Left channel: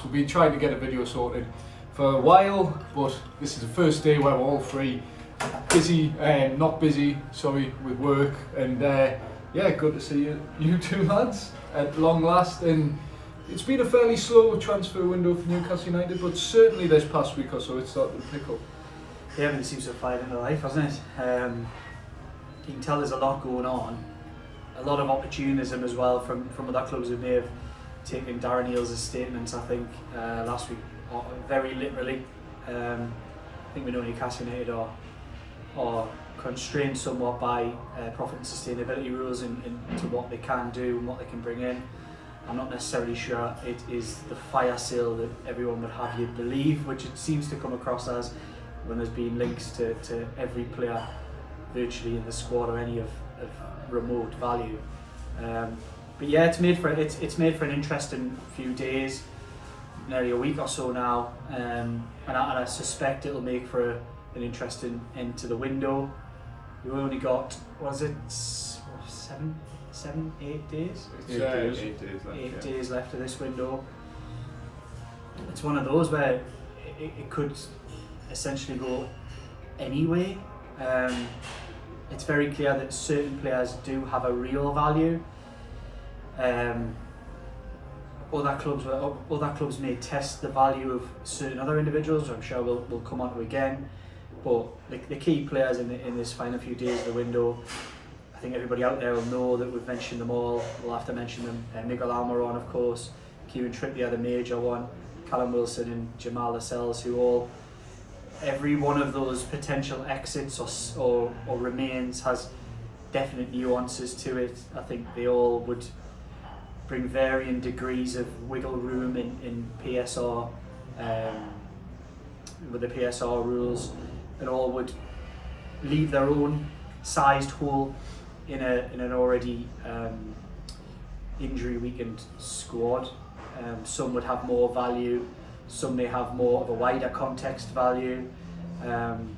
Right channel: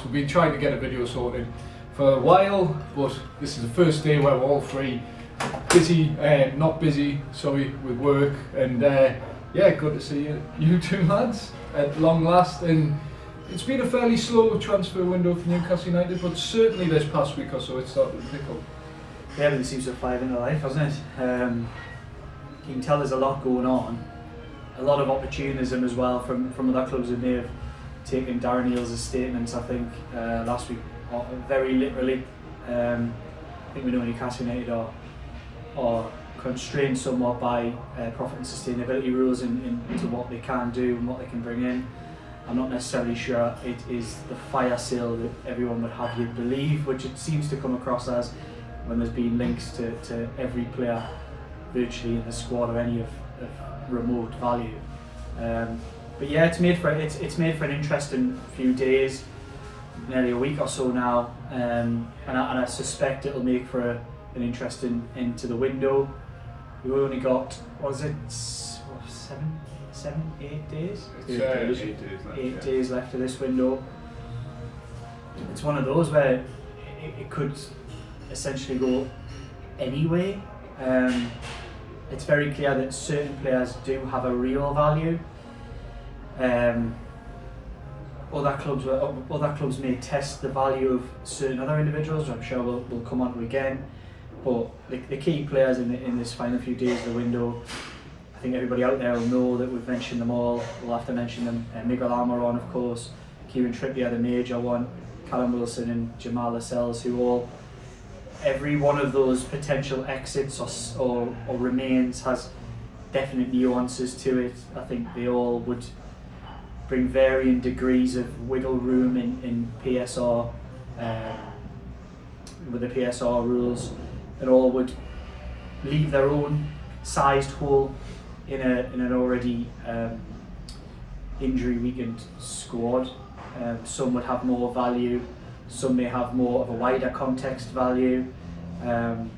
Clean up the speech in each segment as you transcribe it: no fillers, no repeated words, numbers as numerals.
past. We've been trying to get a video sorted for a while, but this is the first day where we're all three busy, not busy, sorry, with work, and yeah, good to see you two lads at long last. And it's been a fairly slow transfer window for Newcastle United, but certainly this past week or so it started to pick up. Yeah, everything seems to have fired into life, hasn't it? You can tell there's a lot going on, a lot of opportunism as well from other clubs who may have taken Darren Eales' statements, I think, last week, very literally. I think we know Newcastle United are constrained somewhat by profit and sustainability rules into what they can do and what they can bring in. I'm not necessarily sure it is the fire sale that everyone would have you believe, which it seems to come across as when there's been links to every player virtually in the squad or any of remote value. But yeah, it's made for an interesting few days, nearly a week or so now, and I suspect it'll make for an interesting end to the window. We've only got, what is it, 8 days? 8 days left of this window. It's one of those where it could essentially go anyway. It's very clear that certain players do have a real value. Other clubs may test the value of certain other individuals, which I'm sure we'll come on to again. But the key players in this final few days of the window, I think everybody out there will know that we've mentioned them all. We'll have to mention them. Miguel Almiron, of course, Kieran Trippier, the major one, Callum Wilson and Jamal Lascelles, who all, every one of those potential exits or remains has definite nuances to it. I think they all would bring varying degrees of wiggle room in PSR, with the PSR rules, and all would leave their own sized hole in an already injury weakened squad. Some would have more value, some may have more of a wider context value. I'm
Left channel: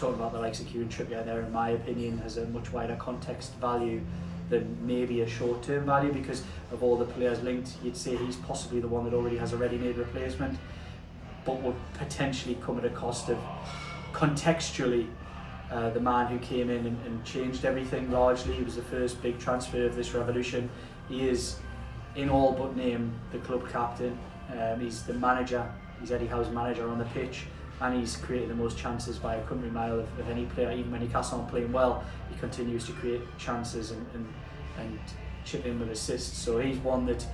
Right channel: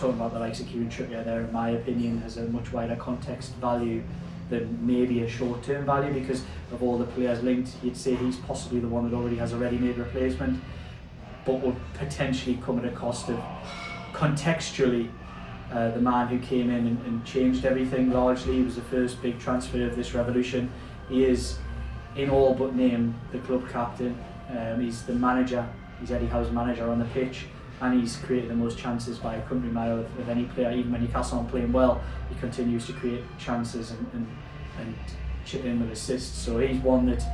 talking about the likes of Kieran Trippier there, in my opinion, has a much wider context value than maybe a short-term value, because of all the players linked. You'd say he's possibly the one that already has a ready-made replacement, but would potentially come at a cost of, contextually, the man who came in and changed everything largely. He was the first big transfer of this revolution. He is, in all but name, the club captain. He's the manager, he's Eddie Howe's manager on the pitch, and he's created the most chances by a country mile of any player. Even when Newcastle aren't playing well, he continues to create chances and chip in with assists. So he's one that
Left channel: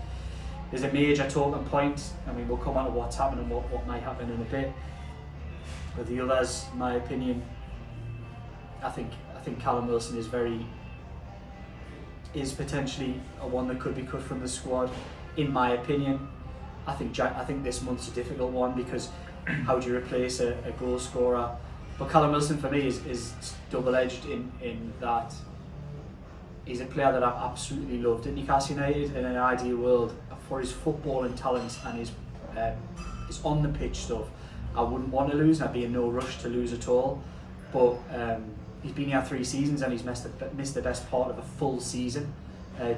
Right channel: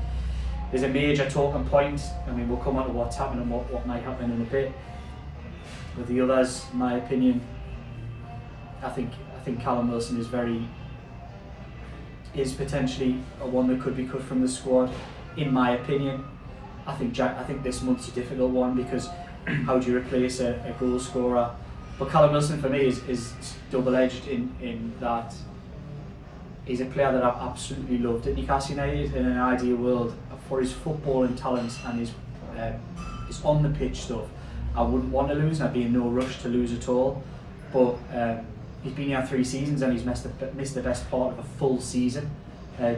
is a major talking point. I mean, we'll come on to what's happening and what might happen in a bit. With the others, in my opinion, I think Callum Wilson is potentially a one that could be cut from the squad. In my opinion, I think this month's a difficult one, because how do you replace a goal scorer? But Callum Wilson for me is double-edged in that he's a player that I've absolutely loved at Newcastle United. In an ideal world, for his footballing talents and his on the pitch stuff, I wouldn't want to lose, and I'd be in no rush to lose at all. But he's been here 3 seasons and he's missed the best part of a full season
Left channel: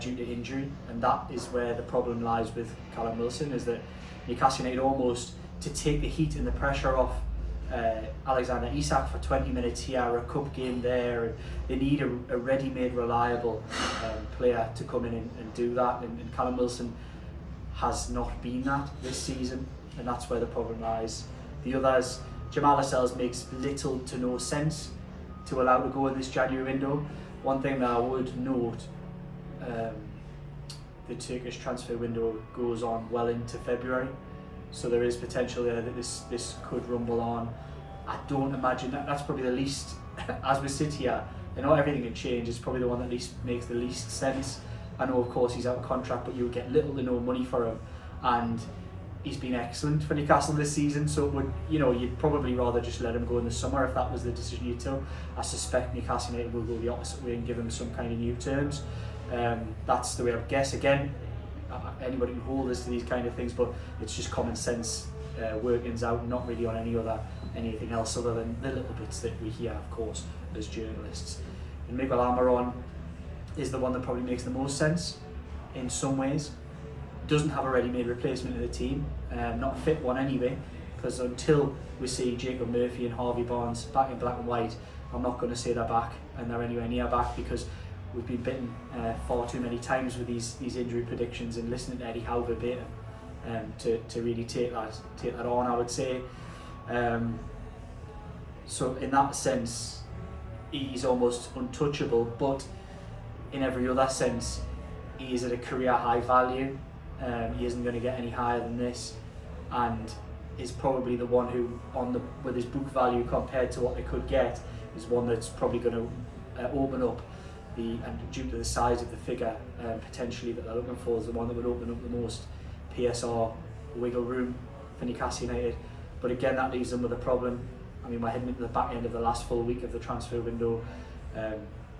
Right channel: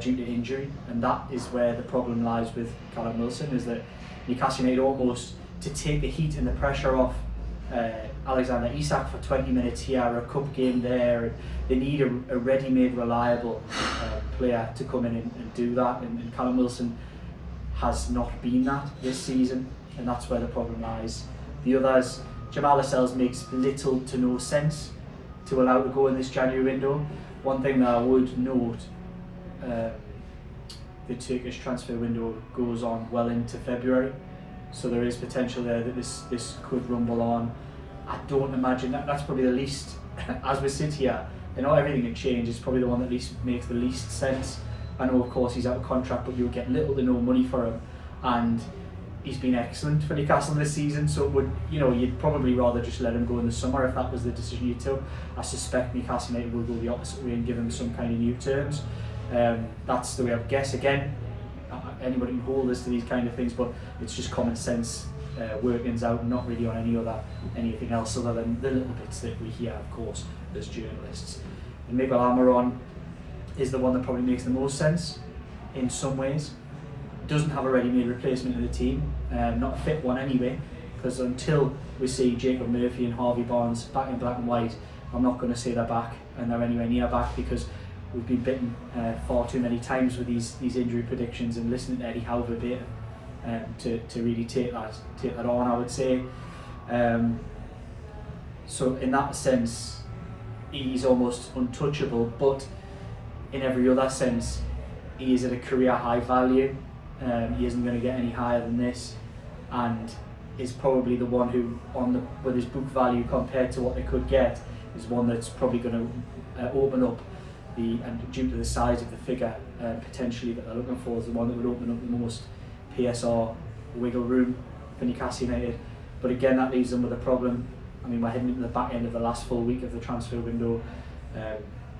due to injury, and that is where the problem lies with Callum Wilson, is that Newcastle United, almost to take the heat and the pressure off Alexander Isak for 20 minutes here, a cup game there, they need a ready-made, reliable player to come in and do that, and Callum Wilson has not been that this season, and that's where the problem lies. The others, Jamal Lascelles makes little to no sense to allow to go in this January window. One thing that I would note, the Turkish transfer window goes on well into February, so there is potential there that this could rumble on. I don't imagine that's probably the least, as we sit here, I know everything can change, it's probably the one that makes the least sense. I know of course he's out of contract, but you'll get little to no money for him, and he's been excellent for Newcastle this season, so it would, you'd probably rather just let him go in the summer if that was the decision you took. I suspect Newcastle United will go the opposite way and give him some kind of new terms. That's the way I guess. Again, anybody can hold us to these kind of things, but it's just common sense workings out, not really on anything else other than the little bits that we hear, of course, as journalists. And Miguel Almiron is the one that probably makes the most sense in some ways. doesn't have a ready-made replacement in the team, not a fit one anyway, because until we see Jacob Murphy and Harvey Barnes back in black and white, I'm not going to say they're back and they're anywhere near back, because we've been bitten far too many times with these injury predictions, and listening to Eddie Howe verbatim to really take that on, I would say. So in that sense, he's almost untouchable, but in every other sense, he is at a career high value. He isn't going to get any higher than this, and is probably the one who, with his book value compared to what they could get, is one that's probably going to open up and due to the size of the figure potentially that they're looking for, is the one that would open up the most PSR wiggle room for Newcastle United. But again, that leaves them with a problem. I mean, we're heading into the back end of the last full week of the transfer window.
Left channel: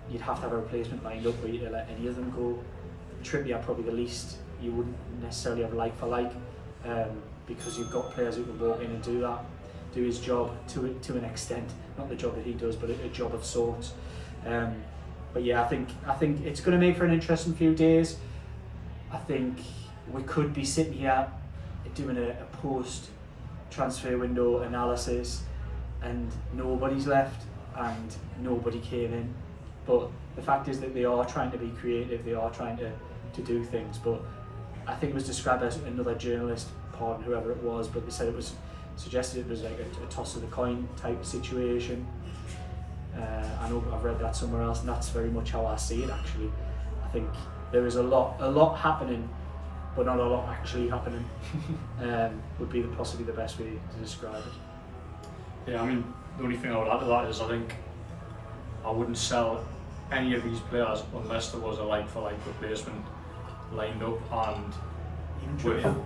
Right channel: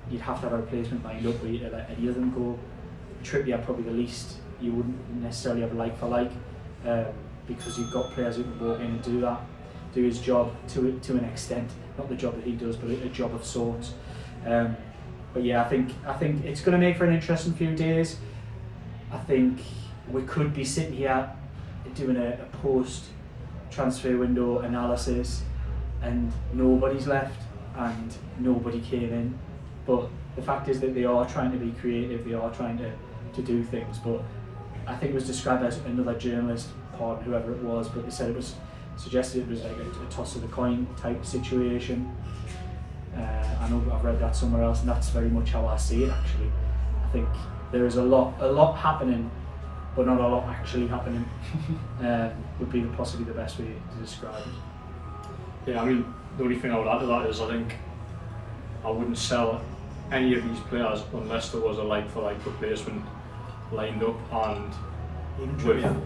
You'd have to have a replacement lined up where you let any of them go. Trippier probably the least. You wouldn't necessarily have like for like, because you've got players who can walk in and do his job to an extent, not the job that he does, but a job of sorts. But yeah, I think it's going to make for an interesting few days. I think we could be sitting here doing a post transfer window analysis, and nobody's left and nobody came in. But the fact is that they are trying to be creative, they are trying to do things. But I think it was described as another journalist, pardon whoever it was, but they said suggested it was like a toss of the coin type situation. I know I've read that somewhere else, and that's very much how I see it actually. I think there is a lot happening, but not a lot actually happening. Would be possibly the best way to describe it. Yeah, I mean, the only thing I would add to that is I think I wouldn't sell any of these players unless there was a like-for-like replacement lined up, and Even with, Trippier.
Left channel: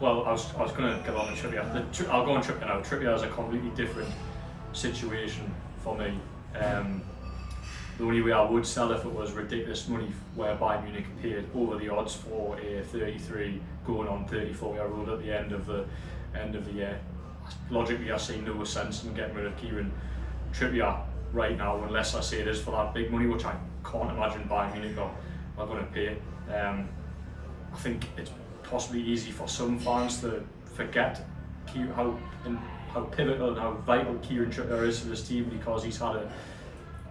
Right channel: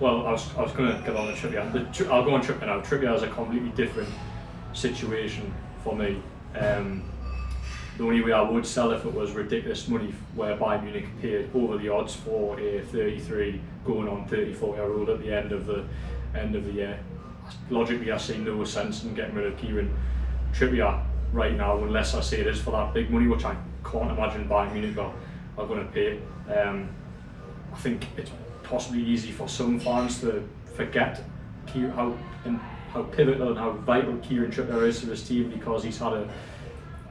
well, I was going to get on to Trippier. I'll go on Trippier now. Trippier is a completely different situation for me. The only way I would sell if it was ridiculous money, where Bayern Munich paid over the odds for a 33 going on 34-year-old at the end of the year. Logically, I see no sense in getting rid of Kieran Trippier right now, unless I say it is for that big money, which I can't imagine Bayern Munich are going to pay. I think it's possibly easy for some fans to forget how pivotal and how vital Kieran Trippier is to this team, because he's had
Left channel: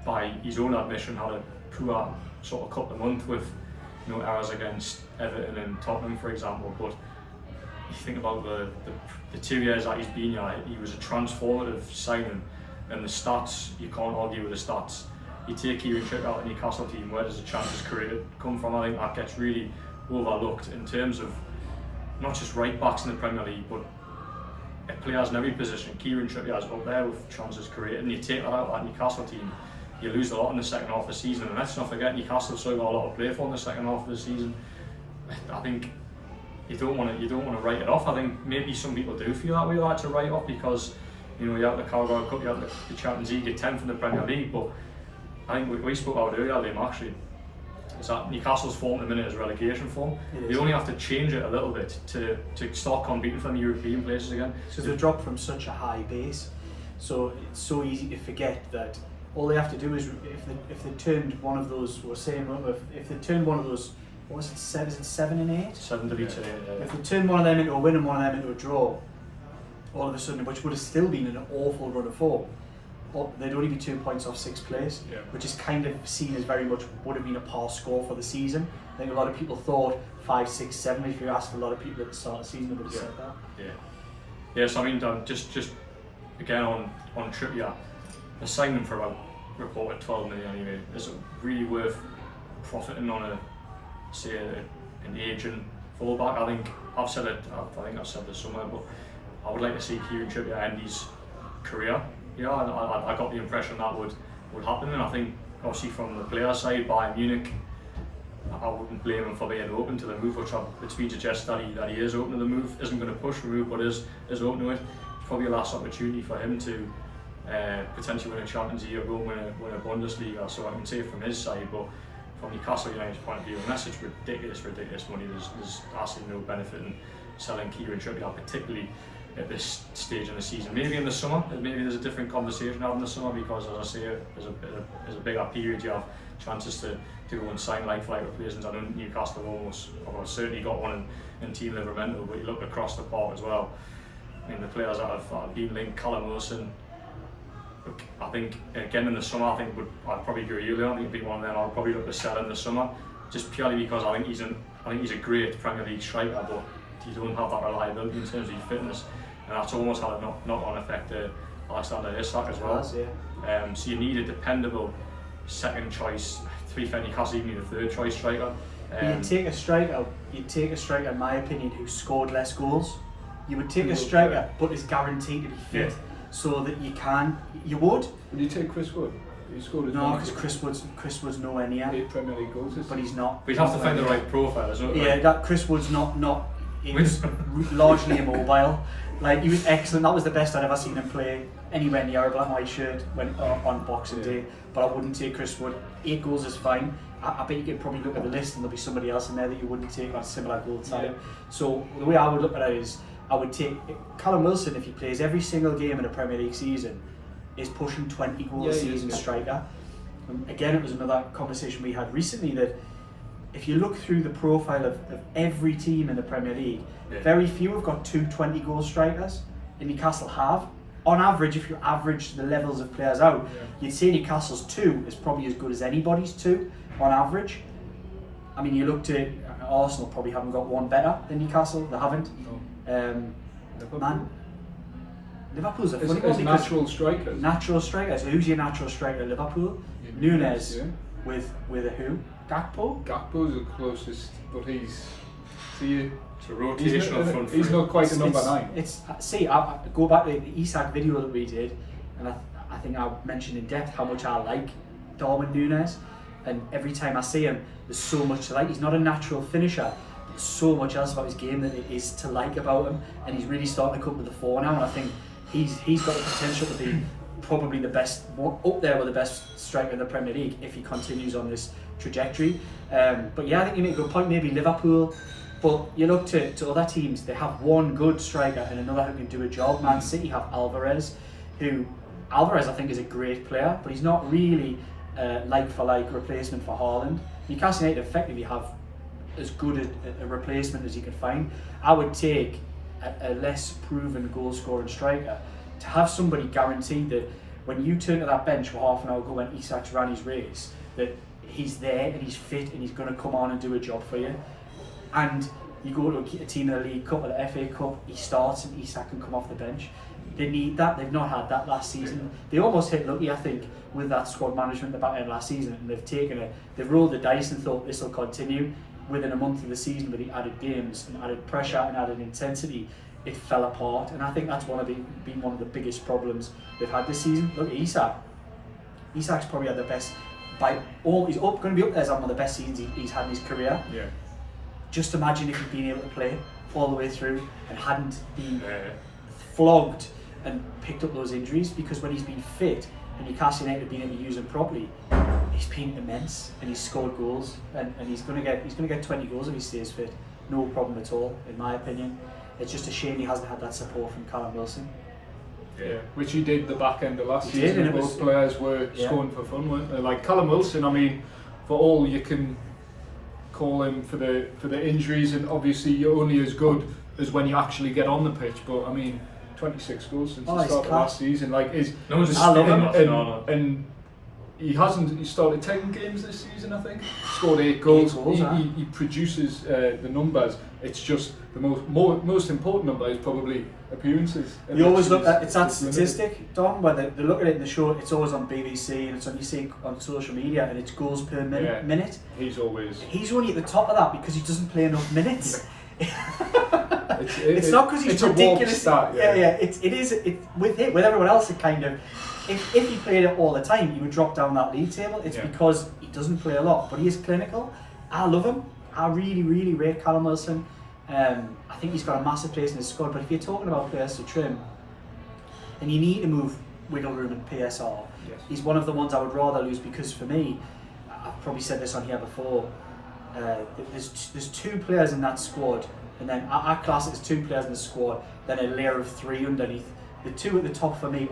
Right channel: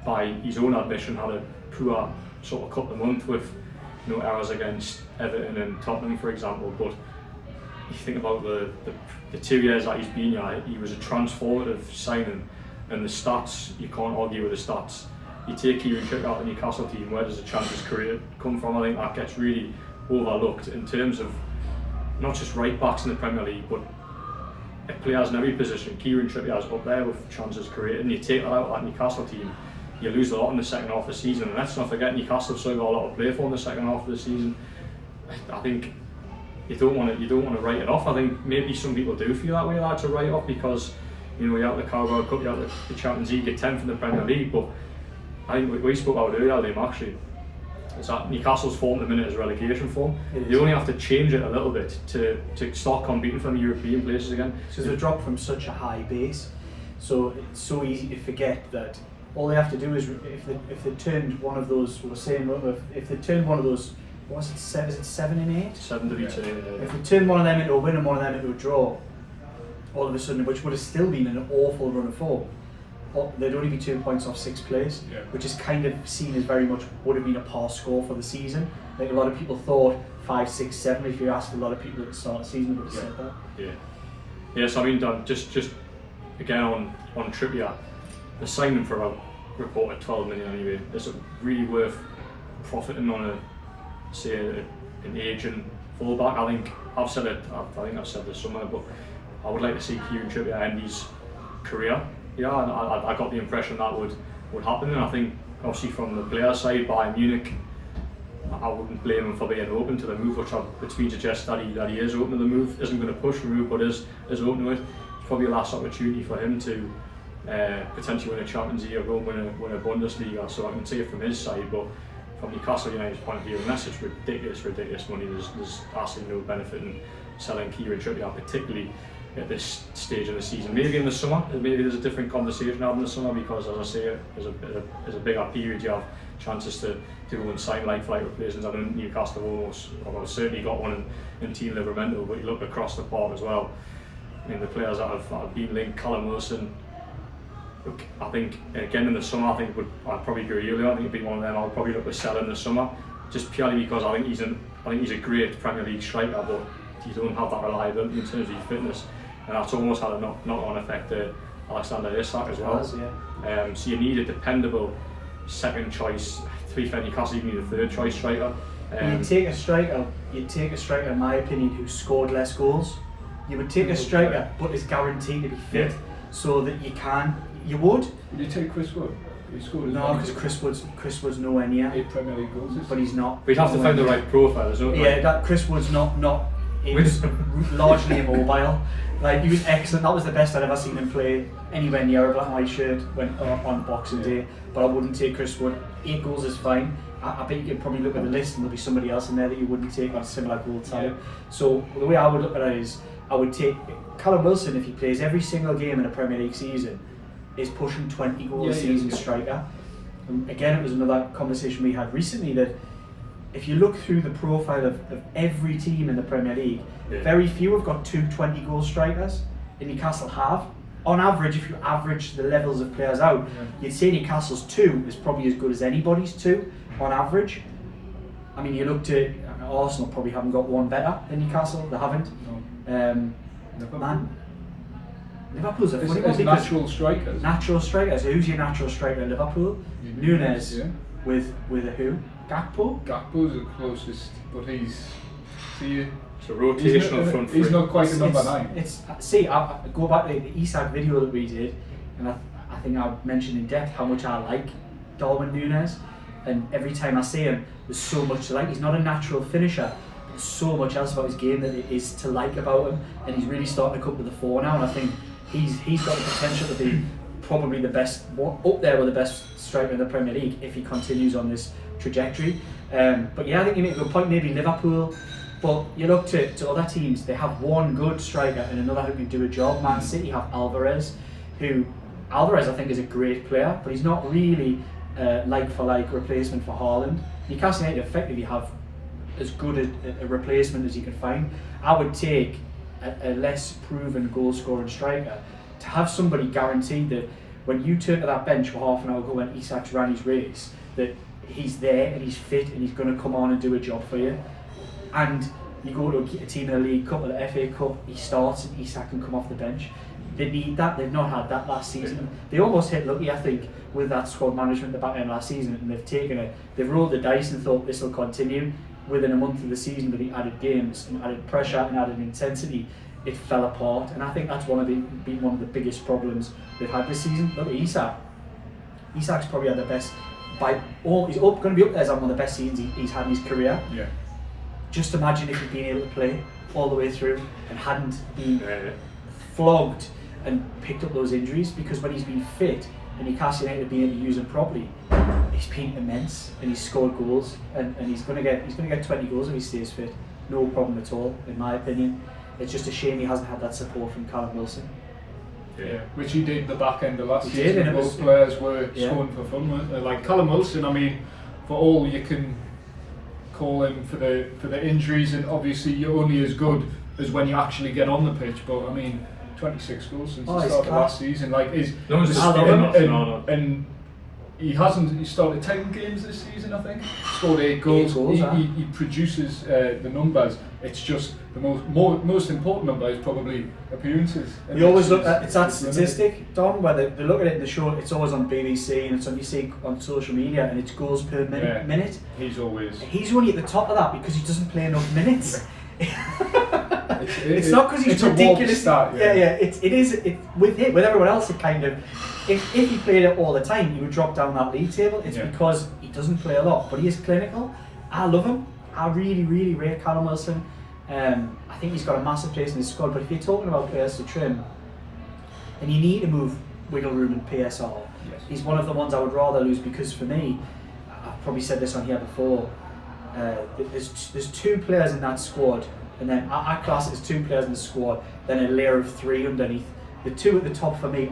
by his own admission, had a poor sort of couple of months with errors against Everton and Tottenham, for example. But you think about the 2 years that he's been here, he was a transformative signing, and the stats, you can't argue with the stats. You take Kieran Trippier out of the Newcastle team, where does the chances created come from? I think that gets really overlooked in terms of not just right backs in the Premier League, but players in every position. Kieran Trippier is up there with chances created, and you take that out of that Newcastle team, you lose a lot in the second half of the season. And let's not forget, Newcastle still got a lot to play for in the second half of the season. I think you don't want to write it off. I think maybe some people do feel that way, like to write off, because you're out of the Carabao Cup, you're out of the Champions League, you're 10th in the Premier League. But I think we spoke about earlier, Liam, actually, is that Newcastle's form at the minute is relegation form. They only have to change it a little bit to start competing for the European places again. Because they've dropped from such a high base, so it's so easy to forget that all they have to do is, if they turned one of those, if they turned one of those, what was it, 7 and 8? 7 to beat 8. If they turned one of them into a win and one of them into a draw, all of a sudden, which would have still been an awful run of form, they'd only be 2 points off 6th place, which is kind of seen as very much would have been a par score for the season. I think a lot of people thought 5, 6, 7. If you asked a lot of people at the start of the season, would have said that. Yeah. So I mean, just again on Trippier, the signing for about reported 12 million anyway. Is it really worth profiting on an aging fullback? I think I've said it. I think I've said this somewhere, but I would like to see Kieran Trippier end his career. I got the impression that would happen, and I think obviously from the player side, Bayern Munich, I wouldn't blame him for being open to the move, which it's been suggested that he is open to the move, isn't going to push the move, but is open to it. It's probably a last opportunity for him to potentially win a Champions League or go and win a Bundesliga, so I can see it from his side. But from Newcastle United's point of view, unless it's ridiculous money, there's absolutely no benefit in selling Kieran Trippier, particularly at this stage of the season. Maybe in the summer, maybe there's a different conversation having in the summer because, as I say, there's a bigger period. You have chances to go and sign like-for-like replacements. I know Newcastle have certainly got one in Team Livramento, but you look across the park as well. I mean, the players that have been linked, Callum Wilson, look, I think again in the summer, I'd probably agree earlier. I think it'd be one of them I would probably look to sell in the summer, just purely because I think he's a great Premier League striker, but you don't have that reliability in terms of your fitness, and that's almost had a knock-on effect to Alexander Isak as well. So you need a dependable second choice. To be fair, Newcastle even need a third choice striker. You'd take a striker, in my opinion, who scored less goals. You would take a striker, but is guaranteed to be fit, so that you would. Would you take Chris Wood? No, because Chris Wood's nowhere near. 8 Premier League goals. But he's not. We'd have to find the right profile, isn't it? Yeah, that Chris Wood's not. He was largely immobile. Like, he was excellent. That was the best I'd ever seen him play anywhere near a black and white shirt on Boxing Day. But I wouldn't take Chris Wood. 8 goals is fine. I bet you could probably look at the list and there'll be somebody else in there that you wouldn't take on a similar goal type. Yeah. So the way I would look at it is, I would take Callum Wilson, if he plays every single game in a Premier League season, is pushing 20 goals a season striker. And again, it was another conversation we had recently that if you look through the profile of every team in the Premier League, very few have got 2 20-goal strikers, and Newcastle have. On average, if you average the levels of players out, you'd say Newcastle's 2 is probably as good as anybody's 2 on average. I mean, you look to Arsenal, probably haven't got one better than Newcastle. They haven't. Liverpool's a funny one because natural strikers. Who's your natural striker at Liverpool? Nunes with a who? Gakpo's the closest, but it's a rotational front three. He's not quite a number 9. I go back to the Isak video that we did, and I think I mentioned in depth how much I like Darwin Nunes, and every time I see him, there's so much to like. He's not a natural finisher. There's so much else about his game that it is to like about him, and he's really starting to come to the fore now, and I think he's got the potential to be probably the best, up there with the best striker in the Premier League if he continues on this trajectory. But yeah, I think you make a good point, maybe Liverpool, but you look to other teams, they have one good striker and another who can do a job. Man City have Alvarez I think is a great player, but he's not really like-for-like replacement for Haaland. Newcastle United effectively have as good a replacement as you can find. I would take a less proven goal-scoring striker to have somebody guaranteed that when you turn to that bench for half an hour ago when Isak's ran his race, that he's there and he's fit and he's going to come on and do a job for you. And you go to a team in the League Cup or the FA Cup, he starts and Isak can come off the bench. They need that. They've not had that last season. They almost hit lucky, I think, with that squad management at the back end last season, and they've rolled the dice and thought this will continue. Within a month of the season, with the added games and added pressure and added intensity, it fell apart. And I think that's been one of the biggest problems they've had this season. Look at Isak. Isak's probably had the best. He's going to be up there as one of the best seasons he's had in his career. Yeah. Just imagine if he'd been able to play all the way through and hadn't been flogged and picked up those injuries, because when he's been fit and Newcastle United have been able to use him properly, he's been immense and he's scored goals and he's going to get 20 goals if he stays fit. No problem at all, in my opinion. It's just a shame he hasn't had that support from Callum Wilson. Yeah, which he did the back end of last season. Those players were scoring for fun, weren't they? Like Callum Wilson, I mean, for all you can call him for the injuries, and obviously you're only as good as when you actually get on the pitch. But I mean, 26 goals since the start of last season. Like, and he started 10 games this season, I think. Scored 8 goals. He produces the numbers. It's just the most important number is probably appearances. You always look at it's that statistic, Don, where they look at it in the show. It's always on BBC and it's on you see on social media, and it's goals per minute. He's only at the top of that because he doesn't play enough minutes. It's not because he's ridiculous. Start, It is with everyone else. It kind of, if he played it all the time, he would drop down that league table. It's because he doesn't play a lot, but he is clinical. I love him. I really, really rate Callum Wilson. I think he's got a massive place in his squad. But if you're talking about players to trim, and you need to move wiggle room and PSR, he's one of the ones I would rather lose, because for me, I've probably said this on here before. There's 2 players in that squad. And then I class it as 2 players in the squad then a layer of 3 underneath. The 2 at the top for me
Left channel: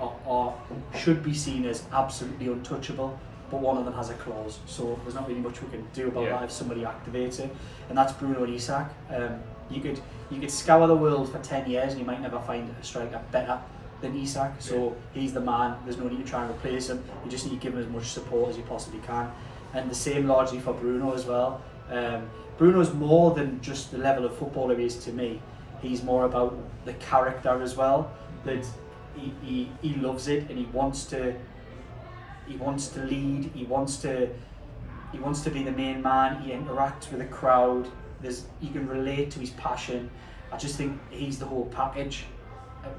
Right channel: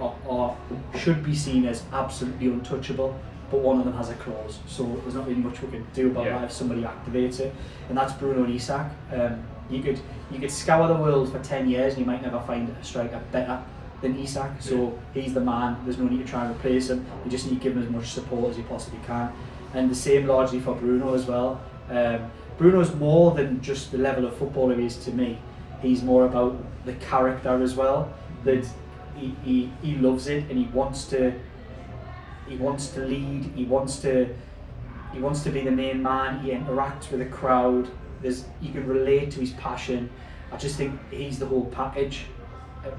should be seen as absolutely untouchable, but one of them has a clause, so there's not really much we can do about that if somebody activates it, and that's Bruno and Isak. You could scour the world for 10 years and you might never find a striker better than Isak, so he's the man. There's no need to try and replace him. You just need to give him as much support as you possibly can, and the same largely for Bruno as well. Bruno's more than just the level of footballer he is to me. He's more about the character as well. That he loves it and he wants to lead. He wants to be the main man. He interacts with the crowd. You can relate to his passion. I just think he's the whole package.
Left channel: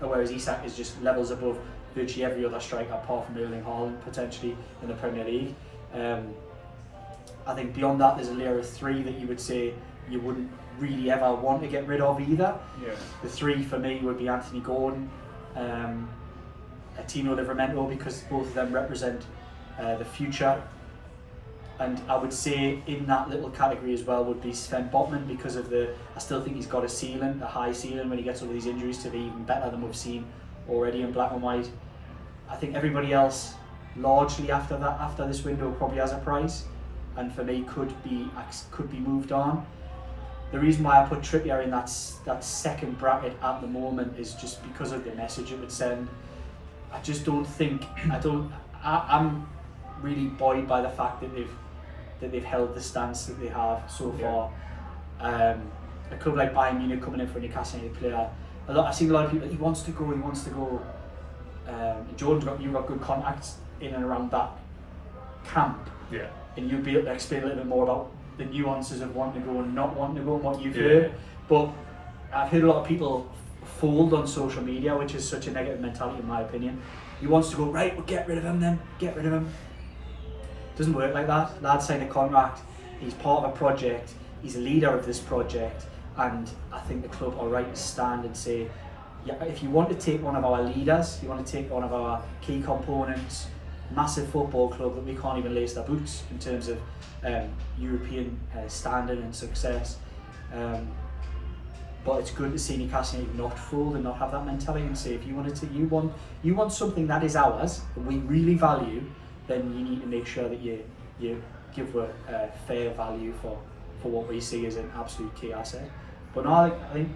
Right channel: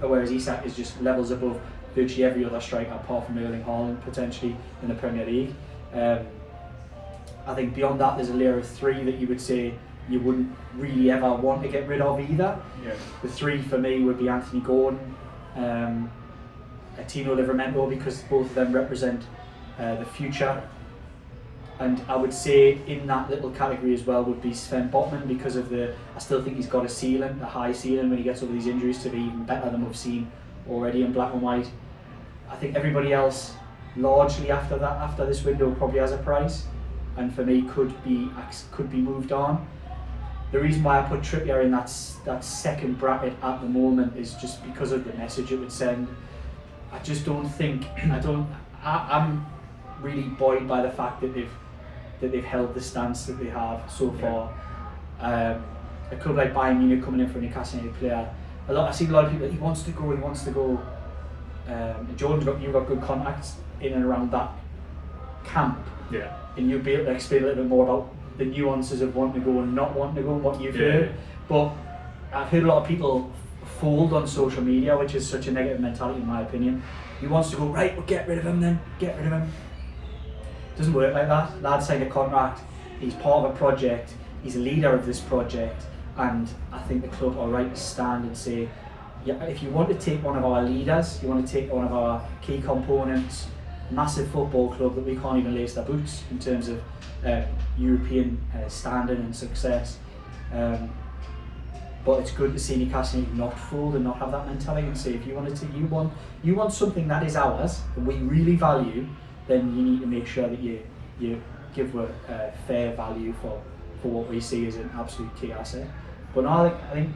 Whereas Isak is just levels above virtually every other striker apart from Erling Haaland potentially in the Premier League. I think beyond that there's a layer of 3 that you would say you wouldn't really ever want to get rid of either. Yeah. The 3 for me would be Anthony Gordon, Tino Livramento, because both of them represent the future. And I would say in that little category as well would be Sven Botman, because of I still think he's got a high ceiling when he gets over these injuries to be even better than we've seen already in black and white. I think everybody else largely after this window probably has a price, and for me could be moved on. The reason why I put Trippier in that second bracket at the moment is just because of the message it would send. I just don't think I'm really buoyed by the fact that they've held the stance that they have so far. A club like Bayern Munich coming in for a Newcastle United player, I've seen a lot of people, he wants to go. Jordan, you've got good contacts in and around that camp. Yeah. And you'll be able to explain a little bit more about the nuances of wanting to go and not wanting to go and what you've heard. But I've heard a lot of people fold on social media, which is such a negative mentality in my opinion. He wants to go, right, well get rid of him then, get rid of him. Doesn't work like that. Lad signed a contract, he's part of a project, he's a leader of this project, and I think the club are right to stand and say, yeah, if you want to take one of our leaders, you want to take one of our key components, massive football club that we can't even lace their boots in terms of European standing and success. But it's good to see Newcastle United not fold and not have that mentality and say, if you want something that is ours that we really value, then you need to make sure that you give a fair value for what we see as an absolute key asset. But now I think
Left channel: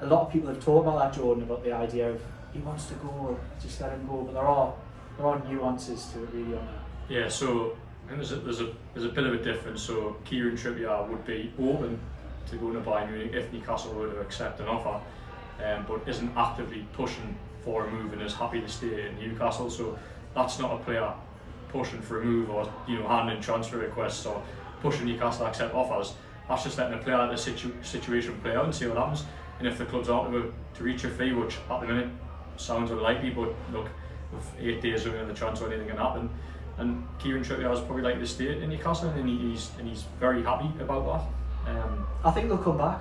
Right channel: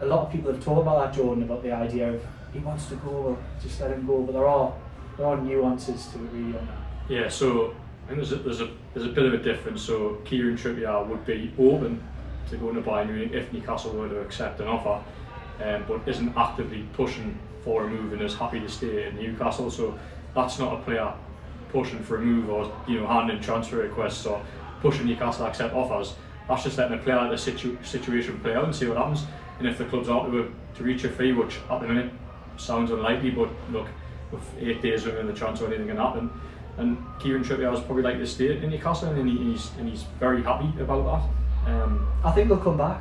a lot of people have talked about that, Jordan, about the idea of he wants to go, just let him go. But there are nuances to it really on that. Yeah, so I think there's a bit of a difference. So Kieran Trippier would be open to going to Bayern Munich if Newcastle were to accept an offer, but isn't actively pushing for a move and is happy to stay in Newcastle. So that's not a player pushing for a move or handing transfer requests or pushing Newcastle to accept offers. That's just letting a player let the situation play out and see what happens. And if the club's out to reach a fee, which at the minute sounds unlikely, but look, with 8 days remaining in the transfer, anything can happen. And Kieran Trippier is probably like to stay in Newcastle, and he's very happy about that. I think they'll come back.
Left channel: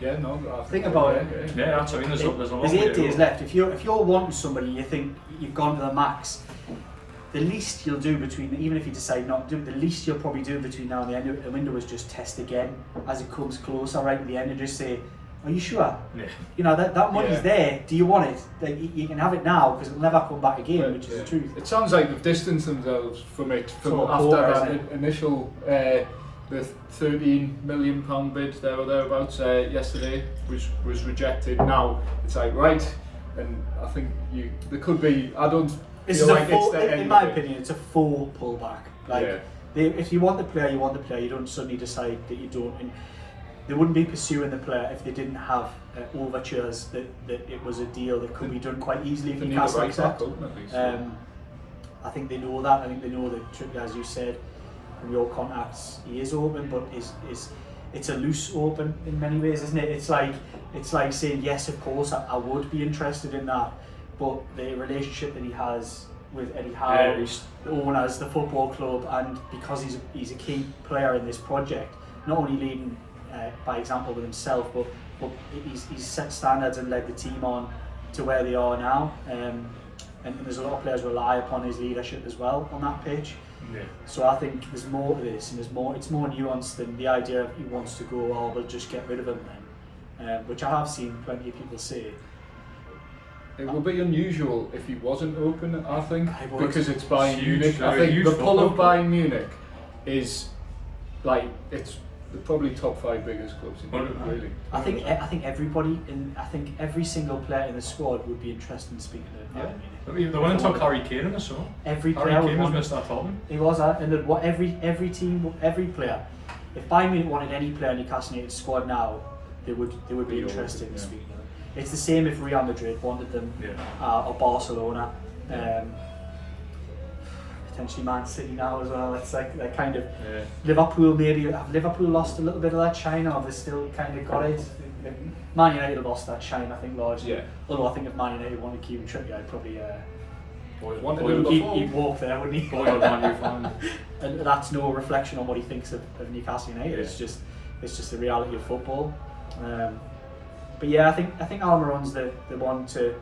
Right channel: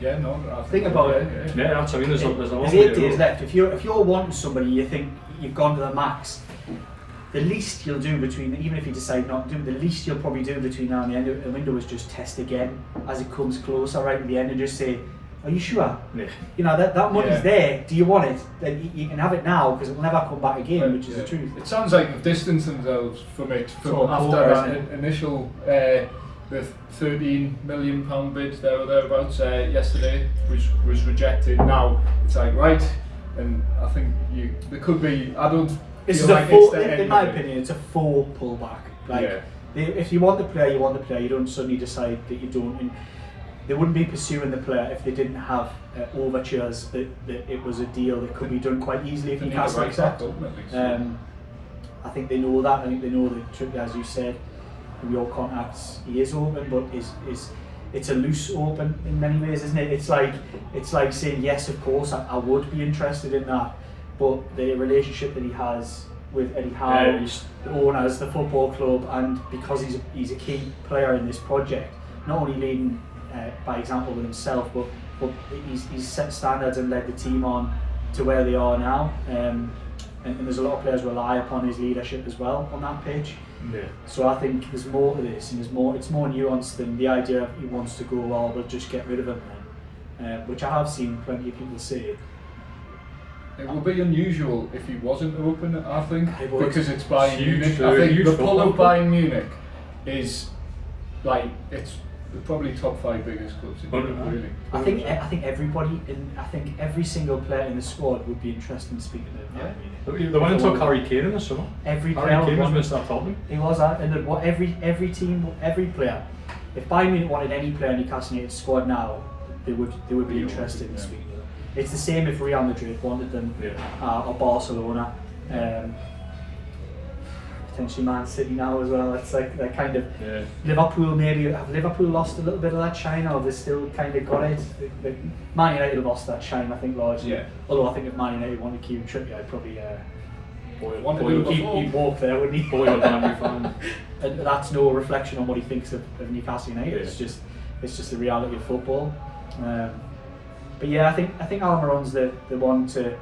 Yeah, no. I think about it. Yeah, that's. I mean, there's a lot. There's 8 days left. If you're wanting somebody, you think you've gone to the max. The least you'll do even if you decide not to do, the least you'll probably do between now and the end of the window is just test again as it comes closer, right at the end, and just say, "Are you sure? Yeah. That money's there. Do you want it? Like, you can have it now because it'll never come back again," which is the truth. It sounds like they've distanced themselves from it after that initial. The £13 million bid there or thereabouts yesterday was rejected. Now it's like, right, and I think there could be. I don't. This is in my opinion, it's a full pullback. Like, if you want the player, you want the player. You don't suddenly decide that you don't. And they wouldn't be pursuing the player if they didn't have overtures that it was a deal that could be done quite easily if Newcastle accept. I think they know that. I think they know that Trippier, as you said, from your contacts, he is open, but it's a loose open in many ways, isn't it? It's like saying yes, of course, I would be interested in that, but the relationship that he has with Eddie Howe, the owners, the football club, and because he's a key player in this project, not only leading by example with himself, but he's set standards and led the team on to where they are now. And there's a lot of players rely upon his leadership as well on that pitch. Yeah. So I think there's more to this, and it's more nuanced than the idea of he wants to go, we'll just get rid of him which I have seen plenty of people say. It would be unusual if he wasn't open, I think, It would. because it's Bayern Huge, Munich. I think huge the pull of football club. Bayern Munich is like it's probably top 5 biggest clubs in Europe, really. I think everybody I think every single player in the squad would be interested in speaking to Bayern Munich. They went and took Harry Kane in the summer. Every Harry player Kane was would Mr. Tottenham. He was, and what every team, every player. If Bayern Munich wanted any player in Newcastle United's squad now, they would be interested in speaking to them. It's the same if Real Madrid wanted them, or Barcelona, potentially Man City now as well. It's like that kind of Liverpool. Maybe have Liverpool lost a little bit of that shine, or have they still kind of got it? Man United lost that shine, I think, largely. Yeah. Although I think if Man United wanted Kieran Trippier, I'd probably Wanted he'd walk there, wouldn't he? Boy, Man U fan. And that's no reflection on what he thinks of Newcastle United. It's just the reality of football. But yeah, I think Almiron's the one to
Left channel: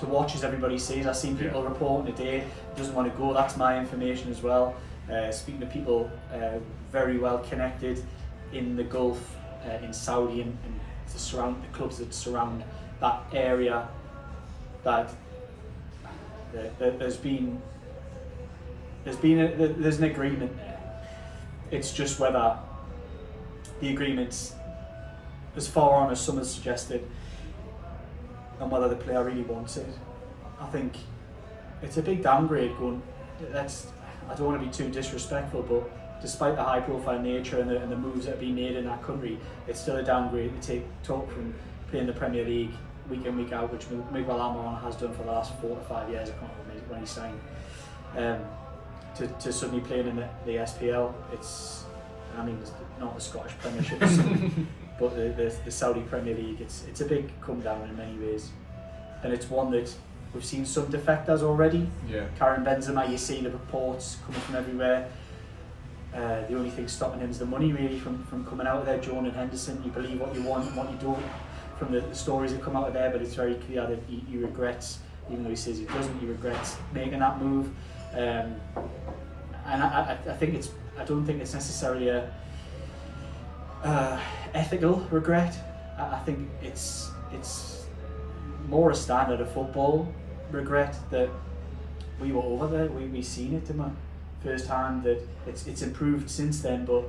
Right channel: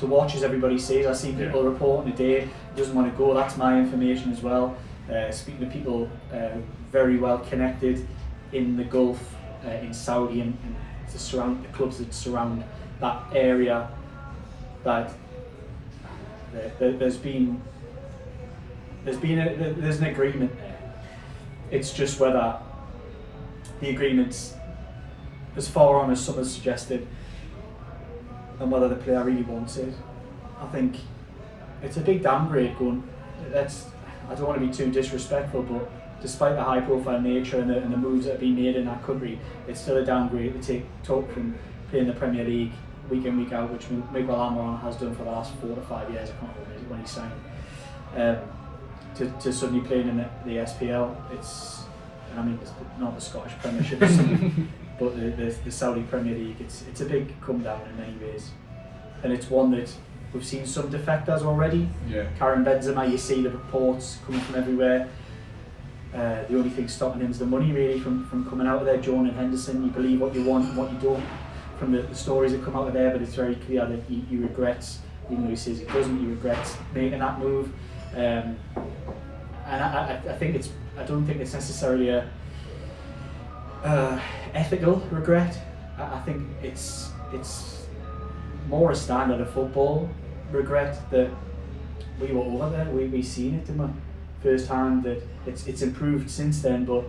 watch, as everybody says. I've seen people reporting today he doesn't want to go. That's my information as well. Speaking to people very well connected in the Gulf, in Saudi, and the clubs that surround that area, that there's an agreement there. It's just whether the agreement's as far on as some has suggested, and whether the player really wants it. I think it's a big downgrade going. I don't want to be too disrespectful, but despite the high-profile nature and the moves that have been made in that country, it's still a downgrade to talk from playing the Premier League week in, week out, which Miguel Almiron has done for the last 4 to 5 years. I can't remember when he signed. To suddenly playing in the SPL, it's not the Scottish Premiership, but the Saudi Premier League. It's a big come down in many ways, and it's one that we've seen some defectors already. Yeah. Karim Benzema, you see the reports coming from everywhere. The only thing stopping him is the money, really, from coming out of there. Joan and Henderson, you believe what you want and what you don't from the stories that come out of there, but it's very clear that he regrets, even though he says he doesn't, he regrets making that move. And I don't think it's necessarily a ethical regret. I think it's more a standard of football regret that we were over there. We seen it in my first hand, that it's improved since then, but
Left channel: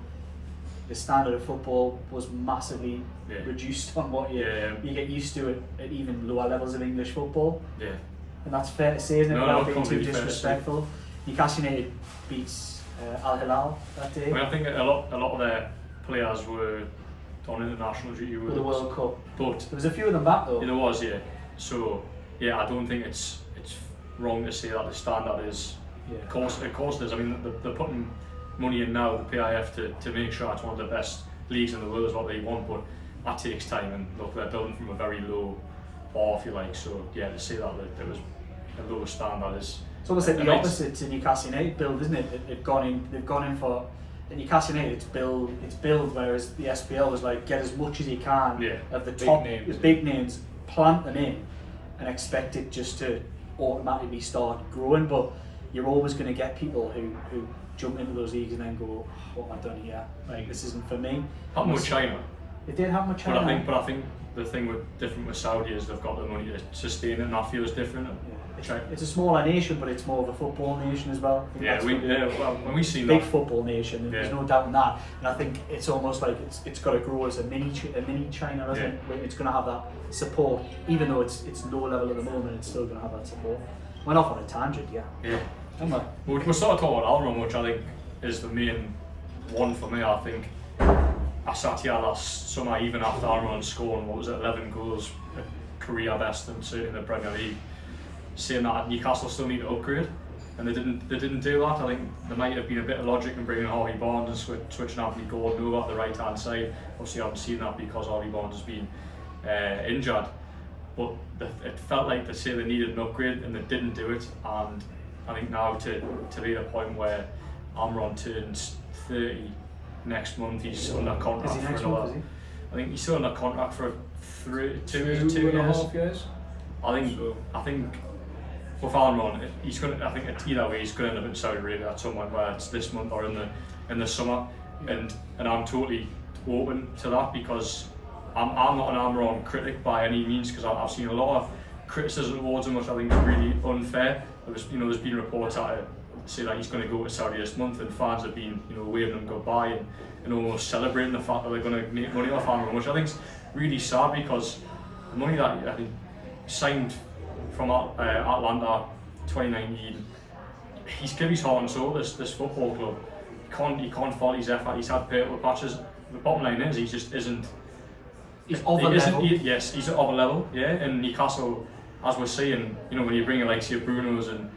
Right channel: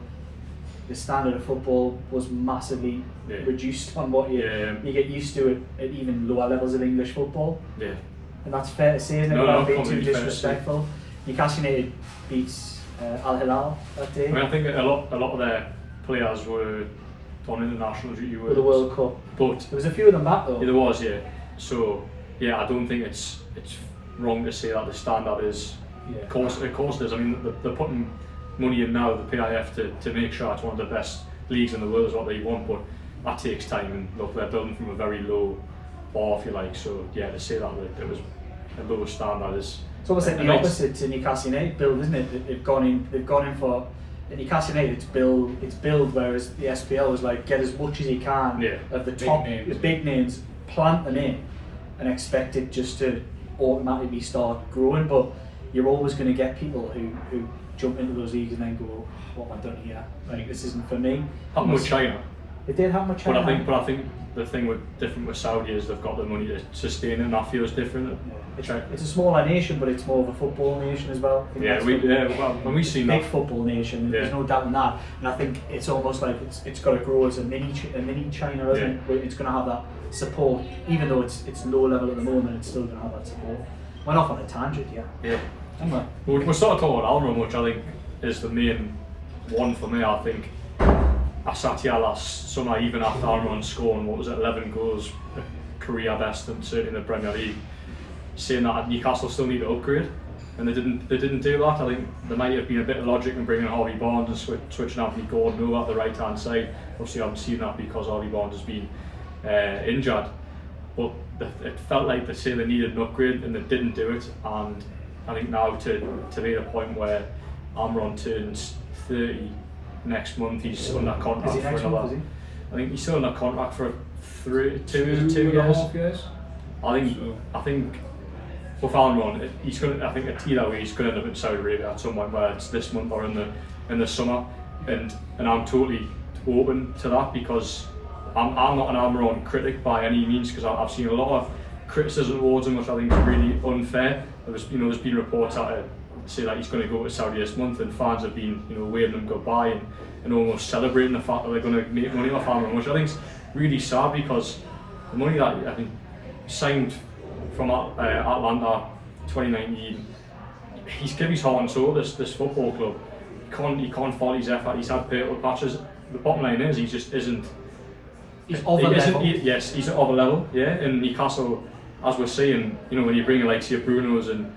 the standard of football was massively reduced on what you get used to at even lower levels of English football. Yeah. And that's fair to say, isn't it? Without being too disrespectful. Newcastle United beats Al Hilal that day. I think a lot of their players were on international duty with the World Cup, but there was a few of them back though. Yeah, there was, So I don't think it's wrong to say that the standard is. Of course it is. I mean, they're putting money in now, the PIF, to make sure it's one of the best leagues in the world is what they want, but that takes time, and look, they're building from a very low bar, if you like. So to say that it was a lower standard is. It's almost like the opposite to Newcastle United build, isn't it? They've gone in for Newcastle United. It's build, whereas the SPL was like get as much as you can of the top, the big names, plant them in, and expect it just to automatically start growing. But you're always going to get people who jump into those leagues and then go, what have I done here? Like, this isn't for me. Happened with China. It did happen with China. But I think the thing different with Saudi is they've got the money to sustain it, and that feels different. It's a smaller nation, but it's more of a football nation as well. When we seen big that football nation, there's no doubt in that. And I think it's almost like it's got to grow as a mini China, isn't it? Where it's going to have that support, even though it's low level at the moment. It's still going to have that support. Went off on a tangent, We're sort of talking about Almiron, which I think is the main one for me. I think I sat here last summer, even after Almiron scoring 11 goals, a career best, and certainly in the Premier League, saying that Newcastle still need to upgrade, and they didn't do that. I think there might have been a bit of logic in bringing Harvey Barnes and switching Anthony Gordon over at the right hand side. Obviously, I haven't seen that because Harvey Barnes has been injured. But it felt like they say they needed an upgrade and they didn't do it. And I think now to be at a point where Almiron turns 30 next month, he's under contract for another. I think he's still under contract for 2 years. I think with Almiron, he's going. I think either way he's going to end up in Saudi Arabia at some point, where it's this month or in the summer, and I'm totally open to that, because I'm not an Almiron critic by any means, because I've seen a lot of criticism towards him, which I think is really unfair. There's been reports out to say that he's going to go to Saudi this month, and fans have been waving him goodbye and almost celebrating the fact that they're going to make money off Almiron, which I think is really sad, because the money that I think signed from Atlanta 2019, he's given his heart and soul this football club. He can't fault his effort. He's had purple patches. The bottom line is he just isn't. He's of a level. Yes, he's of a level. Yeah, in Newcastle, as we're seeing, when you bring in like your Brunos and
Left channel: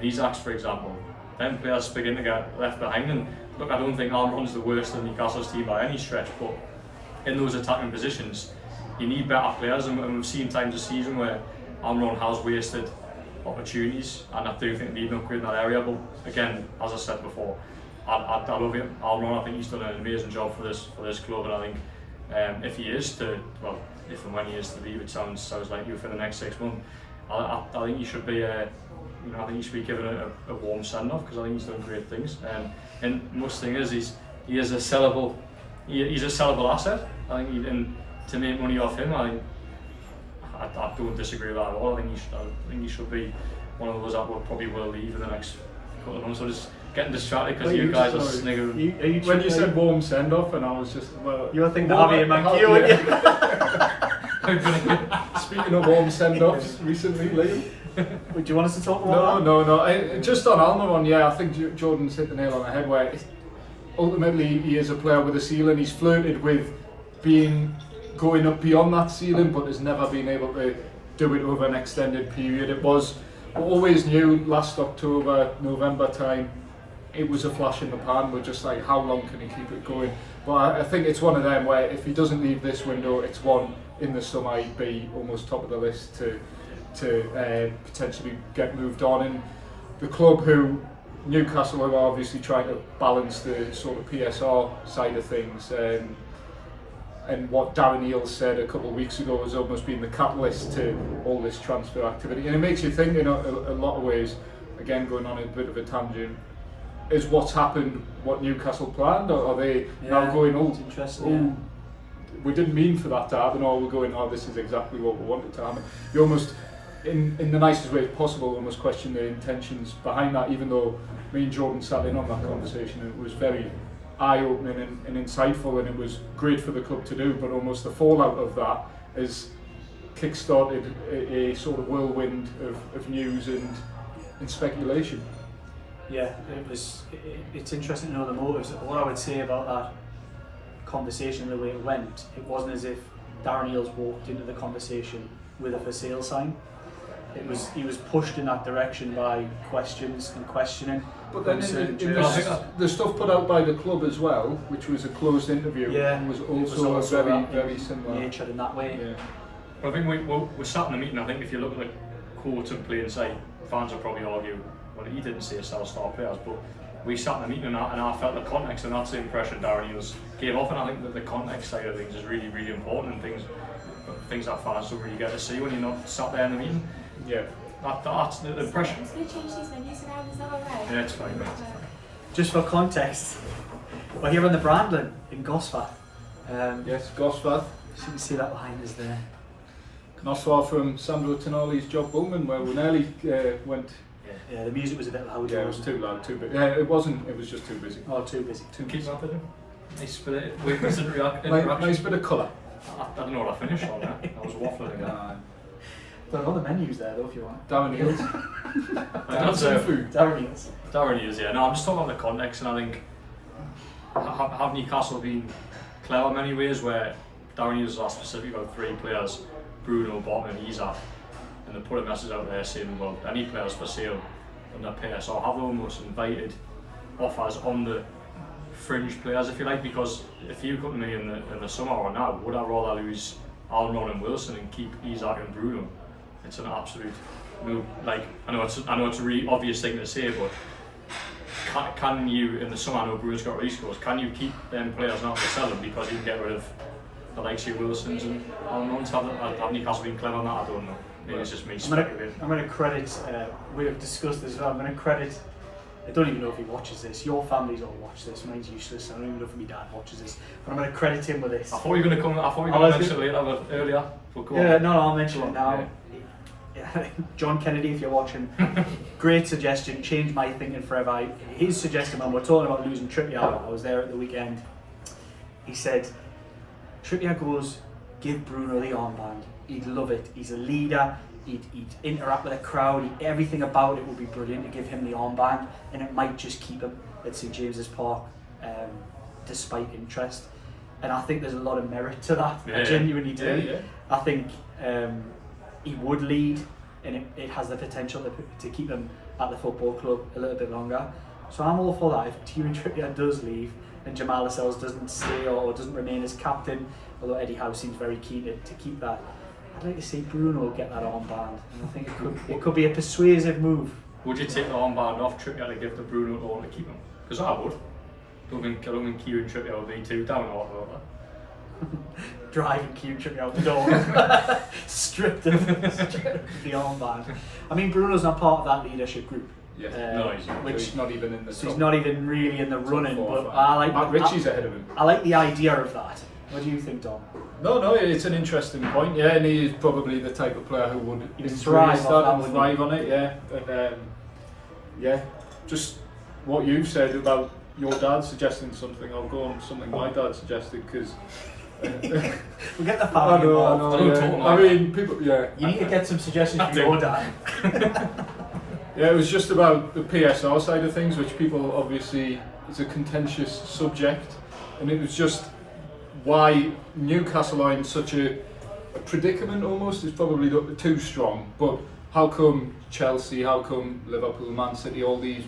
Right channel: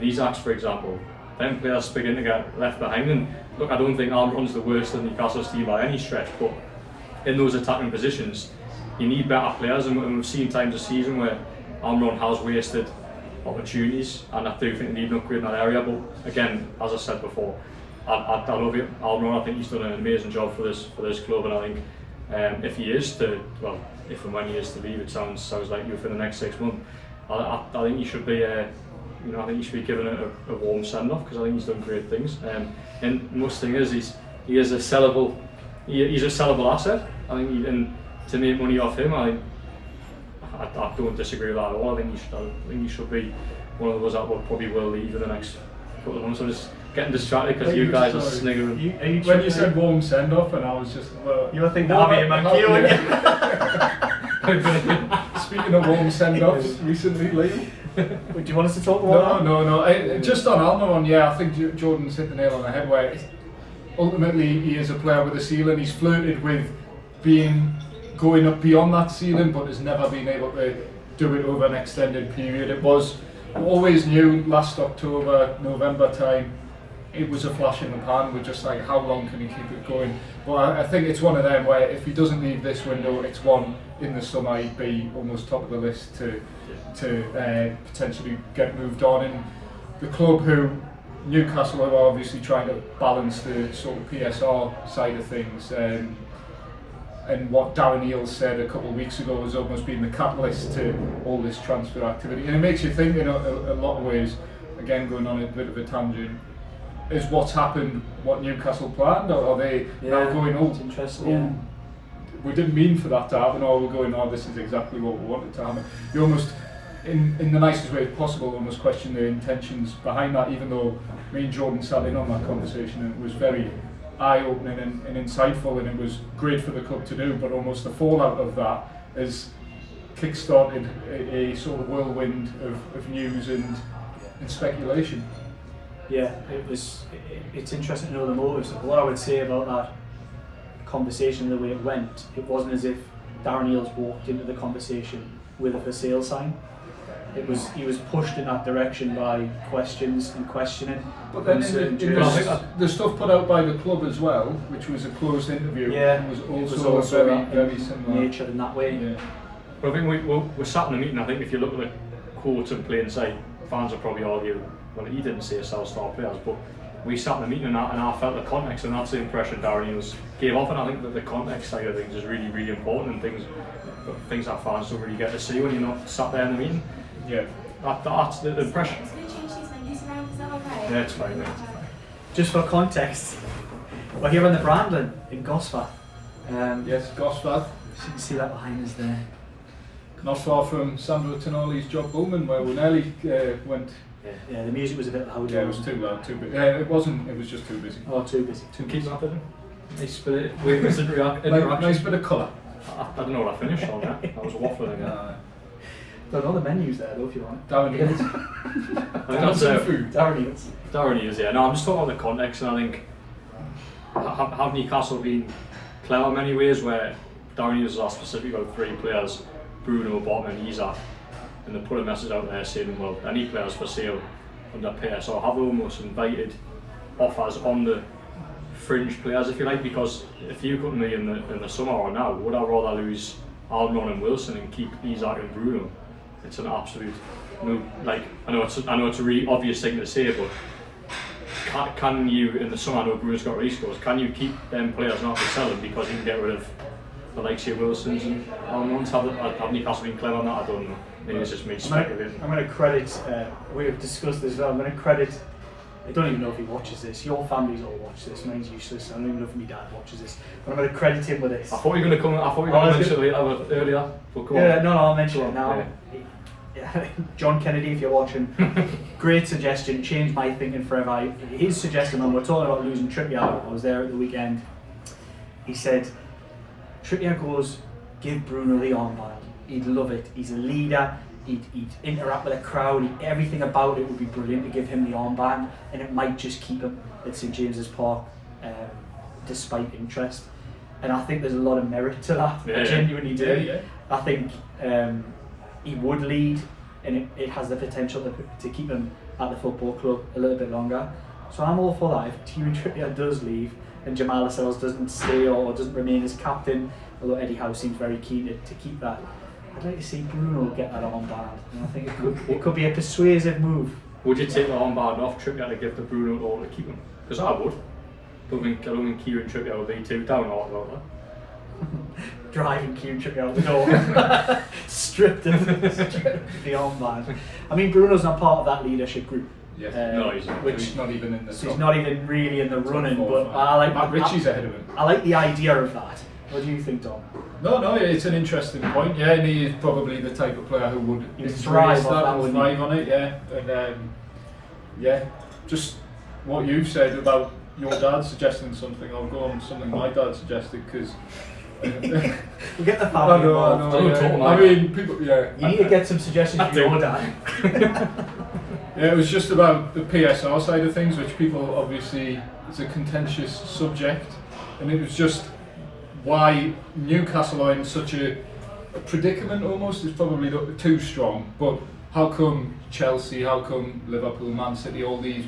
Isaacs, for example, them players begin to get left behind. And look, I don't think Almiron's the worst of Newcastle's team by any stretch, but in those attacking positions, you need better players, and we've seen times this season where Almiron has wasted opportunities, and I do think they need an upgrade in that area. But again, as I said before, I love it, Almiron. I think he's done an amazing job for this club, and I think if he is to, well, if and when he is to leave, it sounds like you for the next 6 months. I think he should be, I think he should be given a warm send off, because I think he's done great things. And most thing is he is a sellable, he's a sellable asset. I think, and to make money off him, I don't disagree with that at all. I think he should be one of those that probably will leave in the next couple of months. I'm just getting distracted because you guys are sniggering. When you said warm send off, and I was just, well, you were thinking Harvey and Mankey, weren't you? Speaking of warm send offs recently, Liam. Do you want us to talk about that? No. Just on Almiron, yeah, I think Jordan's hit the nail on the head, where ultimately he is a player with a ceiling. He's flirted with going up beyond that ceiling, but has never been able to do it over an extended period. It was always knew last October, November time, it was a flash in the pan. We're just like, how long can he keep it going? But I think it's one of them where if he doesn't leave this window, it's one in the summer he'd be almost top of the list to potentially get moved on. And the club, Newcastle, are obviously trying to balance the sort of PSR side of things. And what Darren Eales said a couple of weeks ago has almost been the catalyst to all this transfer activity. And it makes you think in a lot of ways, again going on a bit of a tangent, is what's happened what Newcastle planned, or are they now going, we didn't mean for that to happen, or we're going, this is exactly what we wanted to happen. You almost, in the nicest way possible, almost question the intentions behind that, even though me and Jordan sat in on that conversation, and it was very eye-opening and insightful, and it was great for the club to do, but almost the fallout of that has kick-started a sort of whirlwind of news and speculation. Yeah, it's interesting to know the motives. What I would say about that conversation, the way it went, it wasn't as if Darren Eales walked into the conversation with a for sale sign. He was pushed in that direction by questions and questioning. But then the stuff put out by the club as well, which was a closed interview, was also very similar nature in that way. Yeah. But I think we sat in the meeting. I think if you look at the quote in plain sight, fans will probably argue, well, he didn't say sell star players, but we sat in the meeting and I felt the context, and that's the impression Darren Eales gave off. And I think that the context side of things is really, really important, and things that fans don't really get to see when you're not sat there in the meeting. Yeah, that's the impression. Yeah, it's fine. Mate. Just for context, we're here in the Brandon in Gosford. Yes, Gosford. So you can see that behind us there. Not far from Sandro Tonali's Job Bowman, where we nearly went. Yeah, the music was a bit loud. Yeah, it was too loud, too busy. Yeah, it wasn't. It was just too busy. Oh, too busy. Keep that in. Nice bit of interaction. Nice bit of colour. I don't know what I finished on that. That was waffling again. Don't know the menus there though, if you want. Darren Eales. I think that's food. Darren Eales. Darren Eales, yeah. No, I'm just talking about the context, and I think have Newcastle been clever in many ways, where Darren Eales asked specifically about 3 players, Bruno, Botman and Isaac, and they put a message out there saying, well, any players for sale under PSR, have almost invited offers on the fringe players, if you like, because if you come to me in the summer or now, would I rather lose Almiron and Wilson and keep Isaac and Bruno? It's an absolute no. Like, I know it's a really obvious thing to say, but can you in the summer? I know Bruno's got release clause. Can you keep them players not to sell them because you can get rid of the likes of Wilsons and Almirons? Have Newcastle been clever on that? I don't know. Maybe it's just me speculating. I'm going to credit. We have discussed this as well. I'm going to credit I don't even know if he watches this. Your families all watch this. Mine's useless. I don't even know if my dad watches this. But I'm going to credit him with this. I thought you were going to mention it earlier. But go on. No, I'll mention it now. Yeah. John Kennedy, if you're watching, great suggestion. Changed my thinking forever. His suggestion when we're talking about losing Trippier, I was there at the weekend. He said, Trippier goes, give Bruno the armband. He'd love it. He's a leader. He'd interact with a crowd. Everything about it would be brilliant to give him the armband, and it might just keep him at St James's Park, despite interest. And I think there's a lot of merit to that. I genuinely do. Yeah. I think he would lead, and it has the potential to keep him at the football club a little bit longer. So I'm all for that. If Kieran Trippier does leave and Jamal Lascelles doesn't stay or doesn't remain as captain, although Eddie Howe seems very keen to keep that, I'd like to see Bruno get that armband. And I think it could be a persuasive move. Would you take the armband off Trippier to give to Bruno or to keep him? Because I would. I don't think Kieran Trippier would be too down or whatever. Driving Kieran Trippier out the door, stripped of the armband. I mean, Bruno's not part of that leadership group. Yeah. No, he's not. Which he's not even in the So top. he's not even really in the running. four, But I like Matt Ritchie's ahead of him. I like the idea of that. What do you think, Dom? No, it's an interesting point. Yeah, and he is probably the type of player who would He'd thrive embrace on that, and wouldn't thrive on it. Yeah, and just what you've said about your dad suggesting something. I'll go on something my dad suggested because. We'll get the family involved. I mean, people. Yeah. You need to get some suggestions for your dad. Yeah, it was just about the PSR side of things, which people obviously is a contentious subject, and it was just why Newcastle are in such a predicament. Almost is probably too strong, but how come Chelsea, how come Liverpool, Man City, all these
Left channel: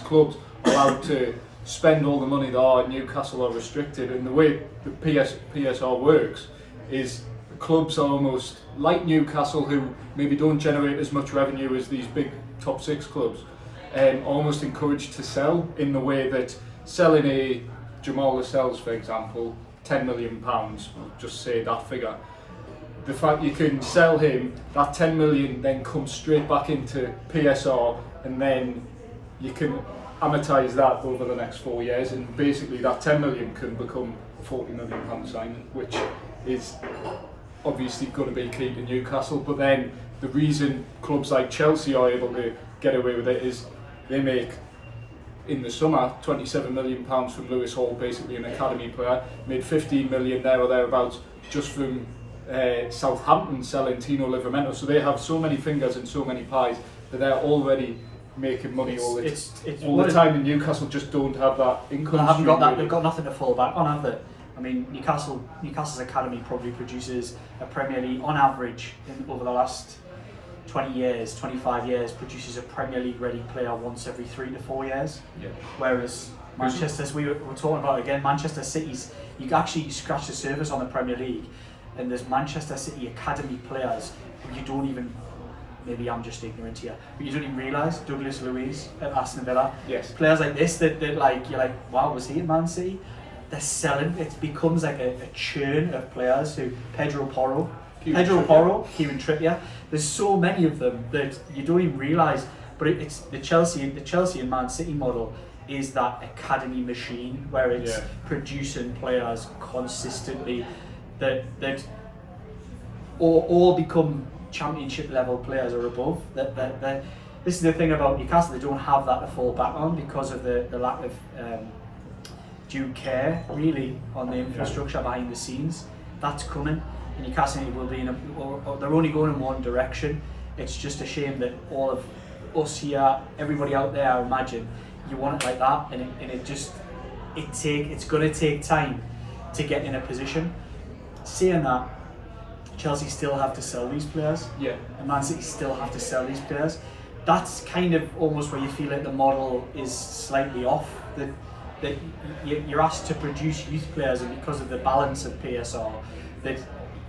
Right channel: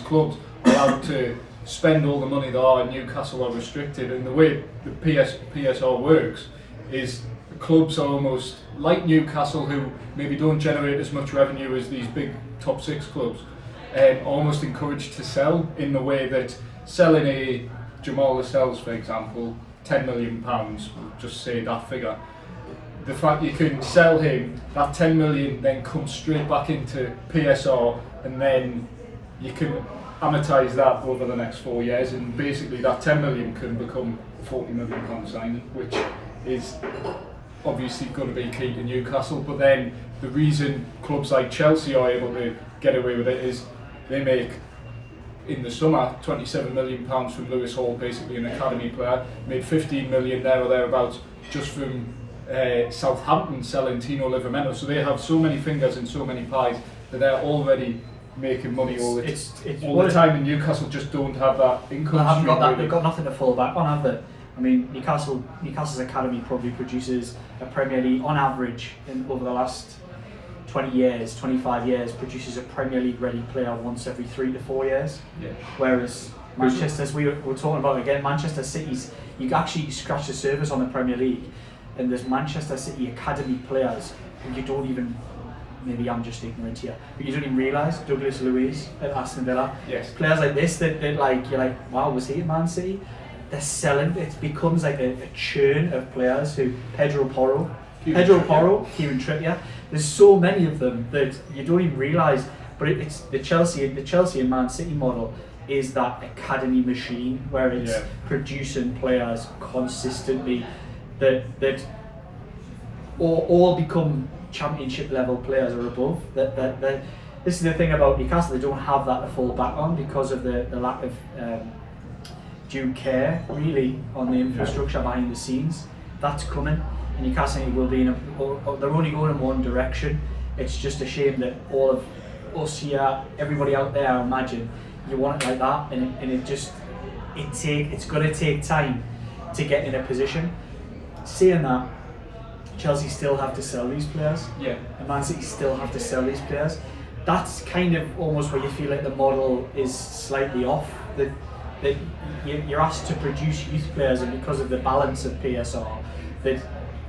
clubs are allowed to spend all the money they are, and Newcastle are restricted? And the way the PSR works is the clubs are almost like Newcastle, who maybe don't generate as much revenue as these big top six clubs, almost encouraged to sell in the way that selling a Jamal Lascelles, for example, £10 million, we'll just say that figure. The fact you can sell him, that 10 million then comes straight back into PSR, and then you can amortise that over the next 4 years, and basically that 10 million can become a £40 million signing, which is obviously going to be key to Newcastle. But then the reason clubs like Chelsea are able to get away with it is they make, in the summer, £27 million from Lewis Hall, basically an academy player, made 15 million there or thereabouts just from Southampton selling Tino Livramento. So they have so many fingers and so many pies that they're already making money all the time, and Newcastle just don't have that income. They haven't got that. Really. They've got nothing to fall back on, have they? I mean, Newcastle's academy probably produces a Premier League, on average, over the last 20 years, 25 years, produces a Premier League ready player once every 3 to 4 years. Yeah. Whereas Manchester's, we were talking about again, Manchester City's, you actually scratch the surface on the Premier League, and there's Manchester City academy players who you don't even, maybe I'm just ignorant here, but you don't even realise. Douglas Luiz at Aston Villa. Yes. Players like this that like, you're like, wow, was he at Man City? They're selling, it becomes like a churn of players who, Pedro Porro, Kieran Trippier. There's so many of them that you don't even realise, but it's the Chelsea and Man City model is that academy machine where it's producing players consistently that all become championship level players or above. That this is the thing about Newcastle, they don't have that to fall back on because of the lack of due care really on the infrastructure behind the scenes. That's coming. Newcastle will be they're only going in one direction. It's just a shame that all of us here, everybody out there, I imagine, you want it like that, and it's going to take time to get in a position. Saying that, Chelsea still have to sell these players, and Man City still have to sell these players. That's kind of almost where you feel like the model is slightly off. That you're asked to produce youth players, and because of the balance of PSR, that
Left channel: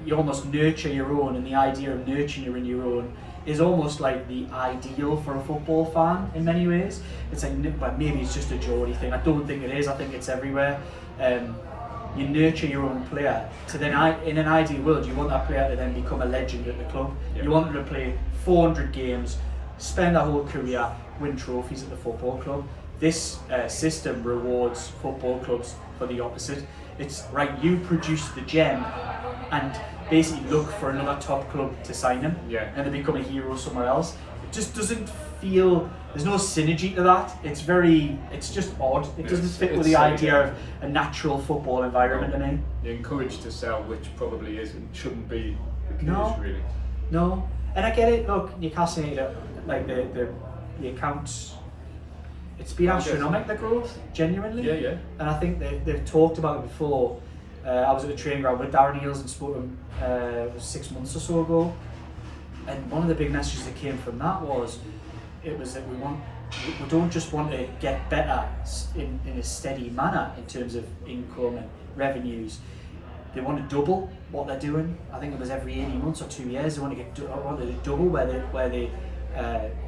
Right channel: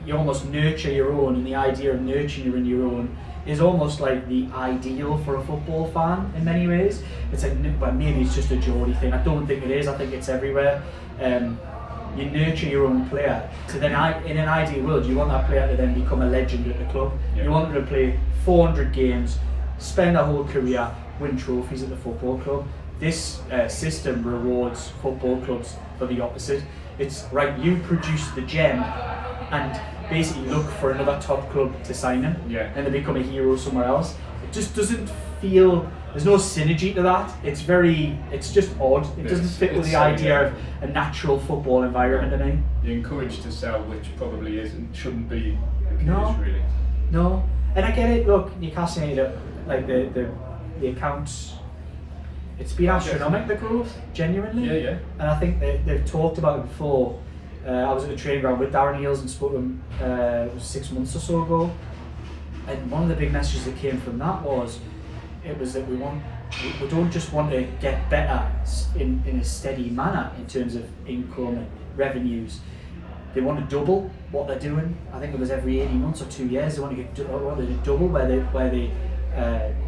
you almost nurture your own, and the idea of nurturing your own is almost like the ideal for a football fan in many ways. It's like, well, maybe it's just a Geordie thing. I don't think it is. I think it's everywhere. You nurture your own player. So then, in an ideal world, you want that player to then become a legend at the club. You want them to play 400 games, spend their whole career, win trophies at the football club. This system rewards football clubs for the opposite. It's right, you produce the gem and basically look for another top club to sign him, and they become a hero somewhere else. It just doesn't feel, there's no synergy to that. It's just odd. It doesn't fit with the idea of a natural football environment to me. You're encouraged to sell, which probably shouldn't be the case, really. No, and I get it. Look, Newcastle United, like the accounts, it's been astronomical, the growth, genuinely. Yeah. And I think they've talked about it before. I was at the training ground with Darren Eales and spoke to him it was 6 months or so ago. And one of the big messages that came from that was that we don't just want to get better in a steady manner in terms of income and revenues. They want to double what they're doing. I think it was every 18 months or 2 years. They want to double where the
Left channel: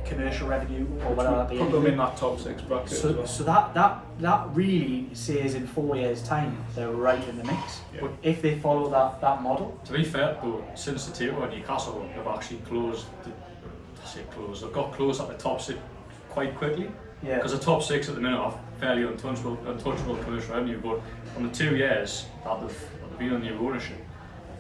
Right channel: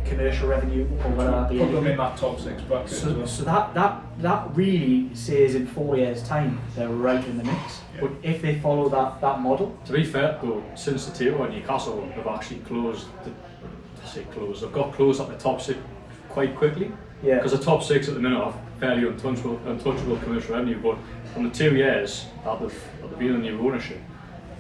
commercial revenue or whatever. Put them in that top 6 bracket. So that really says in 4 years' time they're right in the mix. Yeah. But if they follow that model. To be fair though, since the takeover, Newcastle have actually they've got close at the top 6 quite quickly. Yeah. Because the top 6 at the minute are fairly untouchable commercial revenue, but from the 2 years that they've been under new ownership,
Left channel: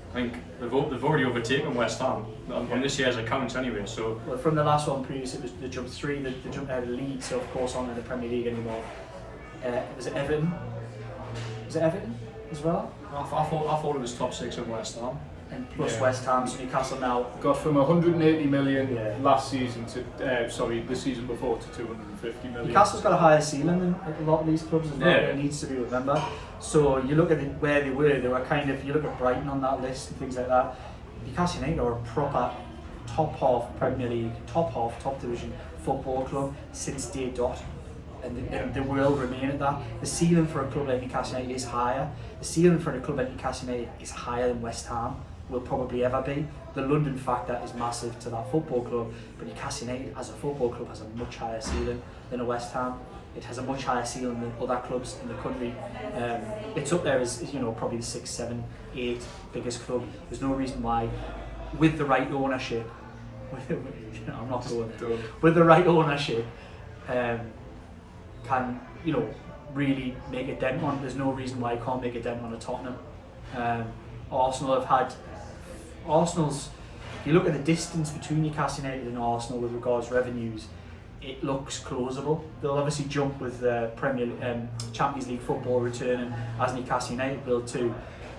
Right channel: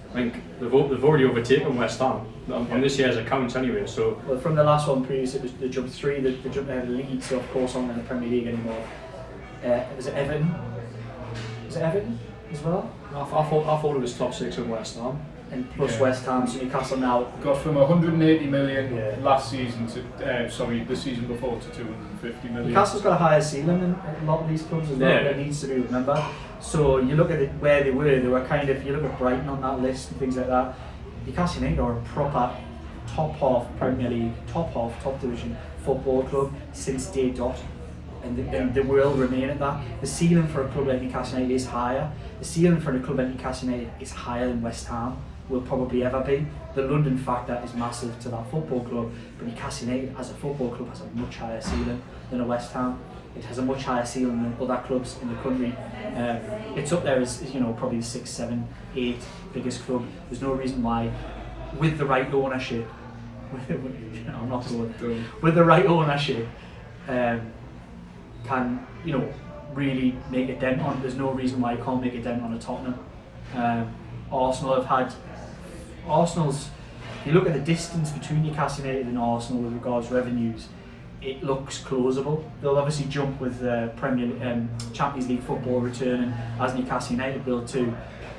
I think they've already overtaken West Ham on this year's accounts anyway. So well, from the last one previous, it was the jump 3, the jump Leeds, so of course aren't in the Premier League anymore. Was it Everton? Was it Everton as well? I thought it was top 6 in West Ham. And plus West Ham, so Newcastle now got from 180 million last season to the season before to 250 million. Newcastle's got a higher ceiling than a lot of these clubs as well. It needs to be remembered. So you look at where they were kind of, you look at Brighton on that list and things like that. Newcastle United are a proper top half Premier League, top division football club since day dot. And they will remain at that. The ceiling for a club like Newcastle United is higher. The ceiling for a club like Newcastle United is higher than West Ham will probably ever be. The London factor is massive to that football club, but Newcastle United as a football club has a much higher ceiling than a West Ham. It has a much higher ceiling than other clubs in the country. It's up there as probably the 6, 7, 8 biggest club. There's no reason why, with the right ownership, I'm not going. With the right ownership, can really make a dent on. There's no reason why you can't make a dent on a Tottenham. Arsenal's. If you look at the distance between Newcastle United and Arsenal with regards to revenues, it looks closable. They'll obviously jump with Champions League football returning as Newcastle United will too.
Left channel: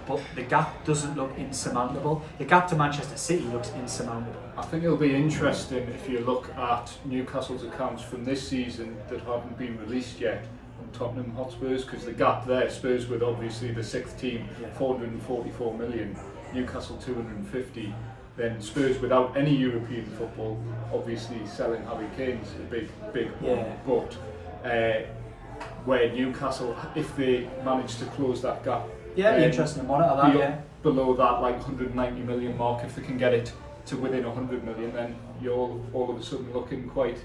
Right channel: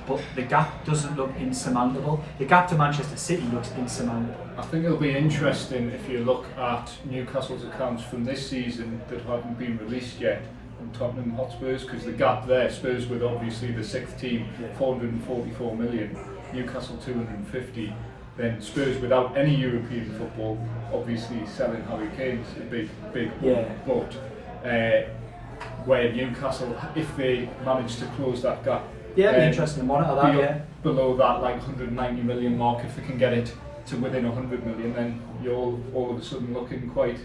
But the gap doesn't look insurmountable. The gap to Manchester City looks insurmountable. I think it'll be interesting if you look at Newcastle's accounts from this season that haven't been released yet, and Tottenham Hotspurs, because the gap there, Spurs with obviously the 6th team, 444 million, Newcastle 250, then Spurs without any European football, obviously selling Harry Kane's a big one, but where Newcastle, if they manage to close that gap, it'd be interesting to monitor that. Below that 190 million mark, if they can get it to within 100 million, then you're all of a sudden looking quite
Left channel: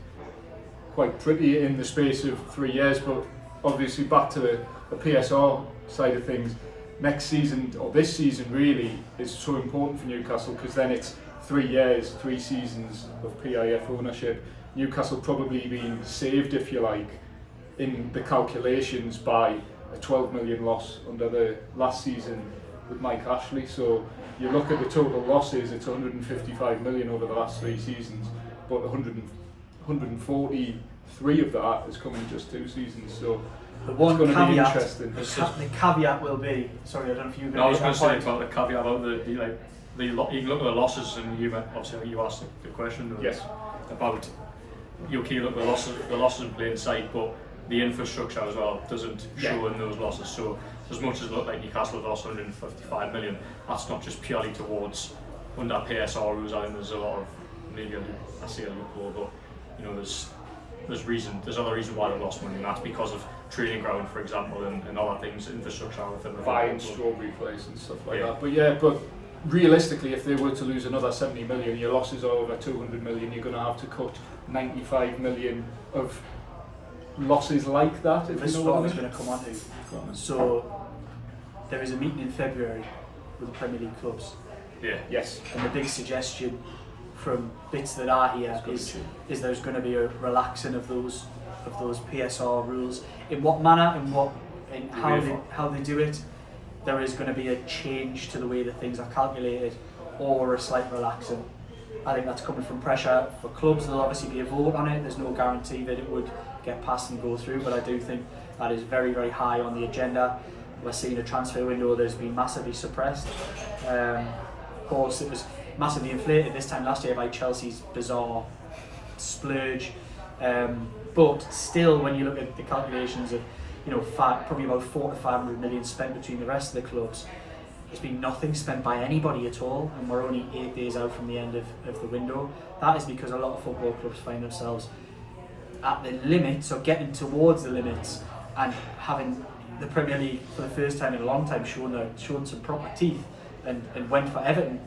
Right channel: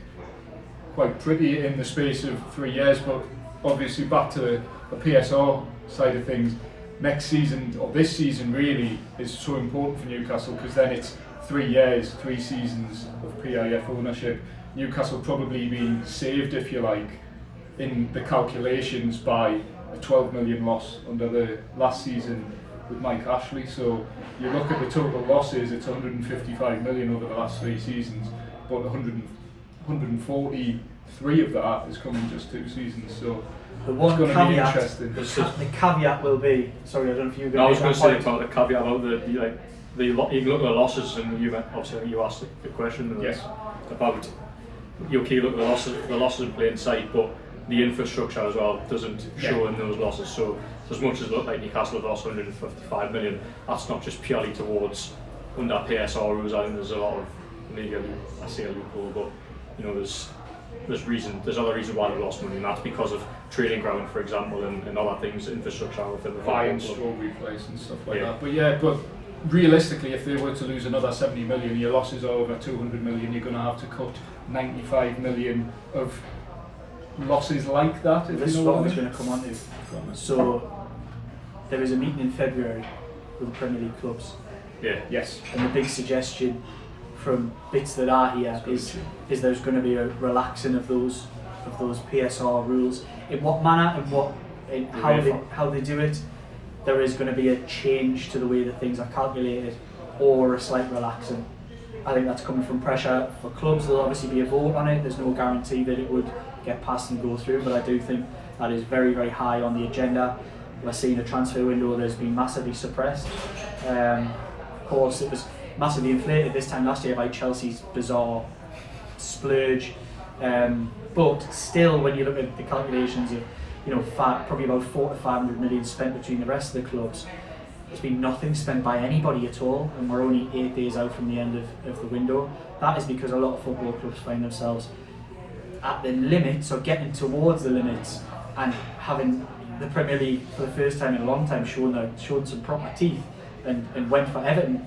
pretty in the space of 3 years. But obviously back to the PSR side of things, next season or this season really is so important for Newcastle, because then it's 3 years, 3 seasons of PIF ownership. Newcastle probably being saved, if you like, in the calculations by a 12 million loss under the last season with Mike Ashley. So you look at the total losses, it's 155 million over the last 3 seasons, but 143 of that has come in just 2 seasons. So the one it's going to be caveat, interesting. the caveat will be, sorry, I don't know if you're going to. I was going to say about the caveat about you look at the losses, and you obviously you asked the question about you look at the losses in plain sight, but the infrastructure as well doesn't show in those losses. So as much as it looked like Newcastle have lost 155 million, that's not just purely towards under PSR rules. I think there's a lot of, maybe I say a loophole, but there's other reasons why they lost money, and that's because of training ground, for example, and other things, infrastructure within the buying strawberry place and stuff like that. But realistically, if they were to lose another 70 million, your losses are over 200 million. You're going to have to cut 95 million of losses like that. This is what I was going to come on to. So there is a meeting in February with the Premier League clubs. Yes. And the big suggestion from bits that I hear is there's going to be a relaxing of those PSR rules. In what manner and how they do it, there is going to be a change to the way that things are calculated, or a slight relaxing. I think that's coming from pressure for clubs. There'll obviously be a vote on it. There's no guarantee that it would get passed and go through, but I do think that is very, very high on the agenda. We're seeing a transfer window that has been massively suppressed. Of course, it was massively inflated this time last year by Chelsea's bizarre splurge. But still, when you look at the calculations of, probably about 400 to 500 million spent between the rest of the clubs, there's been nothing spent by anybody at all, and we're only 8 days out from the end of the window. That is because a lot of football clubs find themselves at the limits, or getting towards the limits, and having the Premier League for the first time in a long time shown some proper teeth, and went for Everton.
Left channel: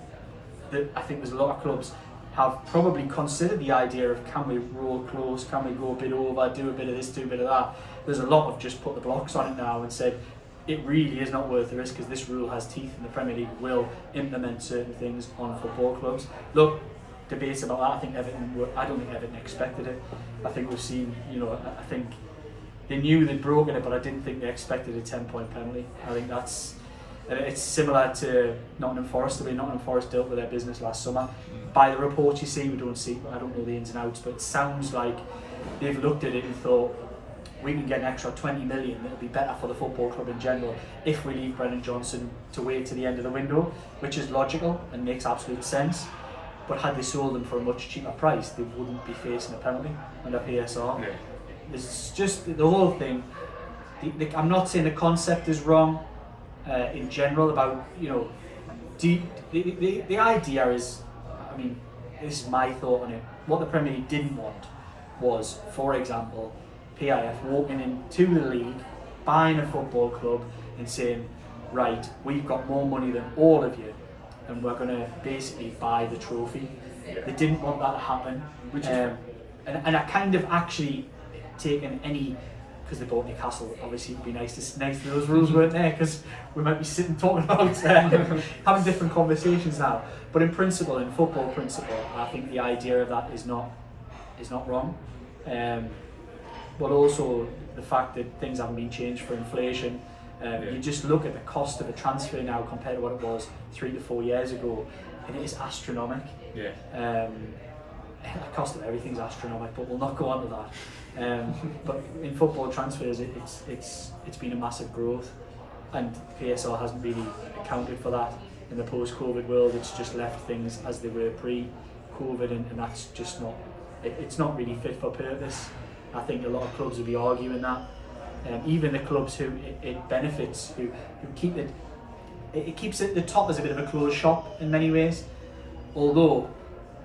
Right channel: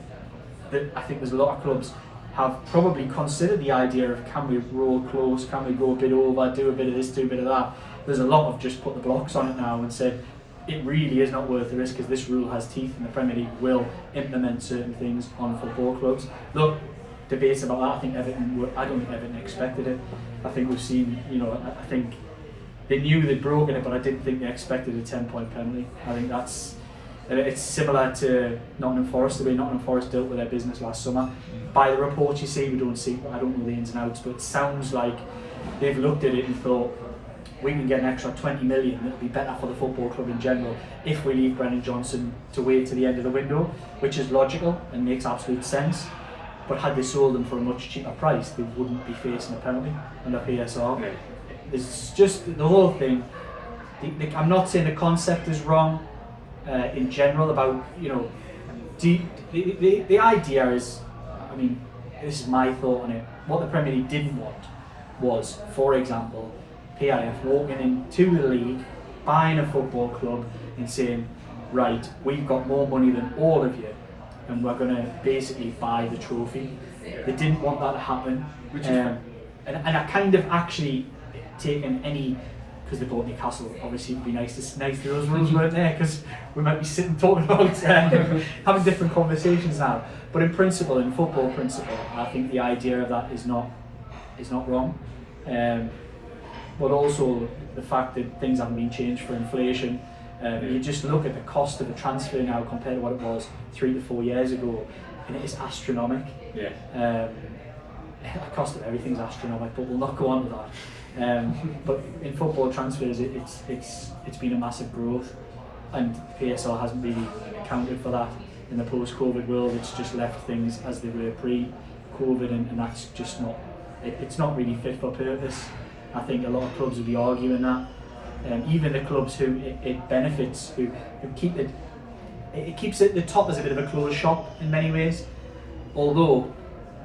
I think there's a lot of clubs have probably considered the idea of, can we roll close, can we go a bit over, do a bit of this, do a bit of that. There's a lot of just put the blocks on it now and said it really is not worth the risk, because this rule has teeth and the Premier League will implement certain things on football clubs. Look, debates about that. I don't think Everton expected it. I think we've seen, I think they knew they'd broken it, but I didn't think they expected a 10-point penalty. I think it's similar to Nottingham Forest, the way Nottingham Forest dealt with their business last summer. By the reports you see, I don't know the ins and outs, but it sounds like they've looked at it and thought, we can get an extra 20 million, it'll be better for the football club in general if we leave Brennan Johnson to wait to the end of the window, which is logical and makes absolute sense. But had they sold them for a much cheaper price, they wouldn't be facing a penalty under PSR. No. It's just the whole thing. I'm not saying the concept is wrong in general about, the idea is, this is my thought on it. What the Premier League didn't want was, for example, PIF walking into the league, buying a football club and saying, right, we've got more money than all of you and we're going to basically buy the trophy. They didn't want that to happen. And I kind of actually taken any, because they bought Newcastle, obviously it would be nice if those rules weren't there, because we might be sitting talking about having different conversations now. But in principle, in football principle, I think the idea of that is not wrong. But also the fact that things haven't been changed for inflation. You just look at the cost of a transfer now compared to what it was 3 to 4 years ago, and it is astronomical. The cost of everything's astronomical, but we'll not go on to that. But in football transfers, it's been a massive growth, and PSL hasn't really accounted for that. In the post-COVID world, it's just left things as they were pre-COVID, and that's just not. It's not really fit for purpose. I think a lot of clubs will be arguing that. Even the clubs who it benefits, who keep it keeps it the top as a bit of a closed shop in many ways. Although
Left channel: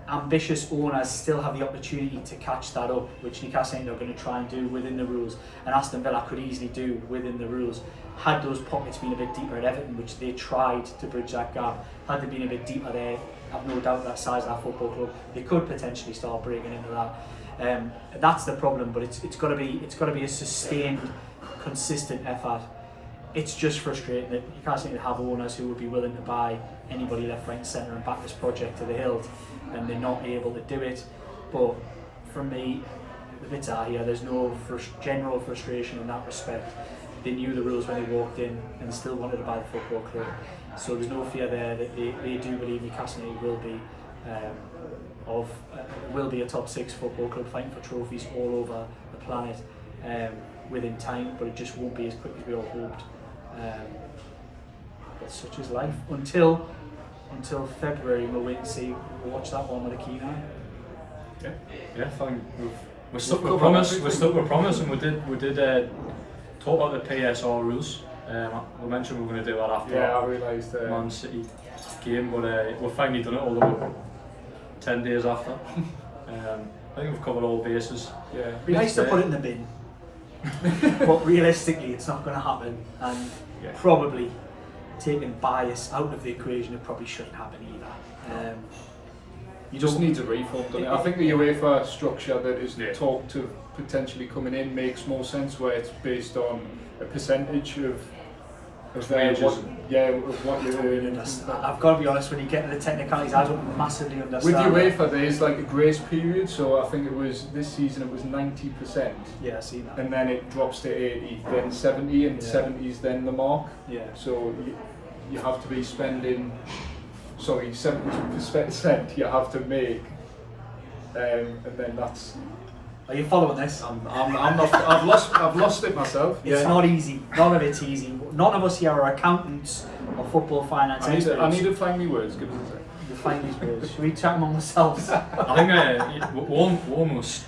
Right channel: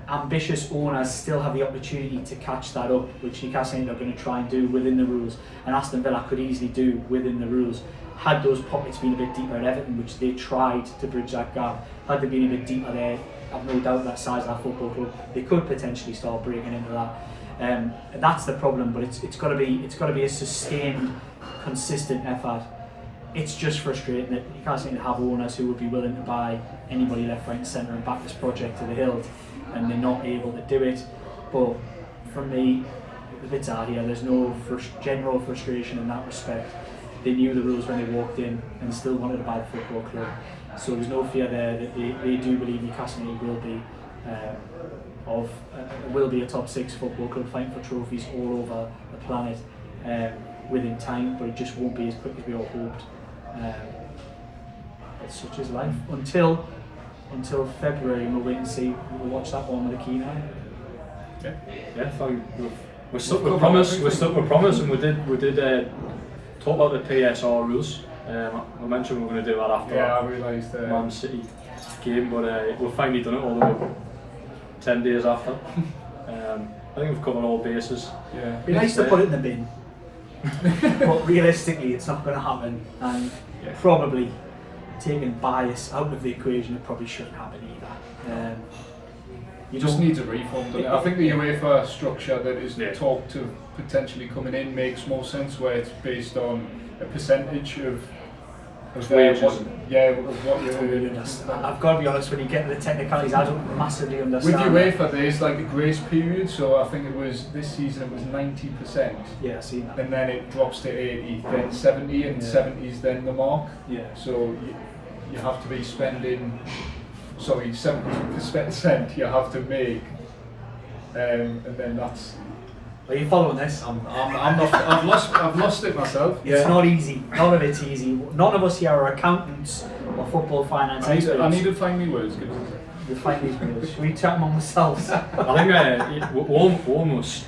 ambitious owners still have the opportunity to catch that up, which Newcastle United are going to try and do within the rules, and Aston Villa could easily do within the rules. Had those pockets been a bit deeper at Everton, which they tried to bridge that gap, had they been a bit deeper there, I've no doubt that size of that football club, they could potentially start breaking into that. That's the problem, but it's got to be a sustained, consistent effort. It's just frustrating that you can't seem to have owners who would be willing to buy anybody left, right and centre and back this project to the hilt, and they're not able to do it. But from me, the bits are here, there's no general frustration in that respect. They knew the rules when they walked in and still wanted to buy the football club, so there's no fear there that they do believe Newcastle United will be a top 6 football club fighting for trophies all over the planet within time, but it just won't be as quick as we all hoped. But such is life until February, and we'll wait and see. We'll watch that one with a keen eye. Yeah, fine. We're stuck with promise. And we did talk about the PSR rules. I mentioned we were going to do that after that Man City game, but we've finally done it all about 10 days after. I think we've covered all bases. It'd be nice to put it in the bin, but realistically it's not going to happen, and probably taking bias out of the equation, it probably shouldn't happen either. You just need a reform. I think the UEFA structure that is talked of potentially coming in makes more sense, where it's based on a percentage of Of wages. what you're earning. I've got to be honest, when you get to the technicalities, I don't massively With understand. UEFA, there's like a grace period, so I think it was this season it was 90%, Yeah, I've seen that. and then it drops to 80, then 70, and 70 is then the mark. Yeah. So you have to be spending, 70% you have to make, and then that's. Are you following this? I'm not. I've lost it myself. It's not easy. None of it's easy. None of us here are accountants or football finance experts. I need to find me words. Give us a sec. We'll find these words. Should we chat among ourselves? I think we almost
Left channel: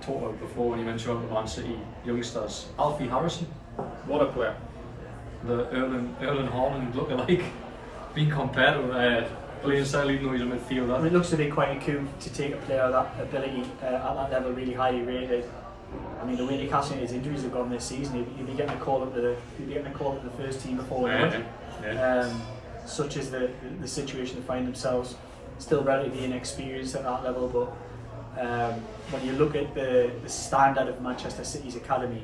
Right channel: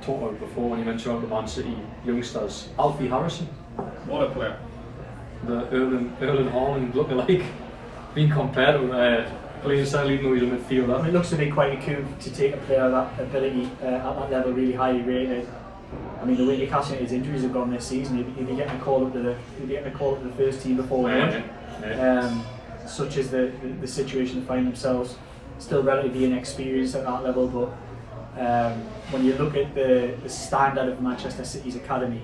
talked about it before when you mentioned about the Man City youngsters. Alfie Harrison, What a player. the Erling Haaland lookalike, being compared to playing style even though he's a midfielder. I mean, it looks to be quite a coup to take a player of that ability at that level, really highly rated. I mean, the way Newcastle United's injuries have gone this season, he'd be getting a call up to the first team before we won. Such is the situation they find themselves. Still relatively inexperienced at that level, but when you look at the standard of Manchester City's academy,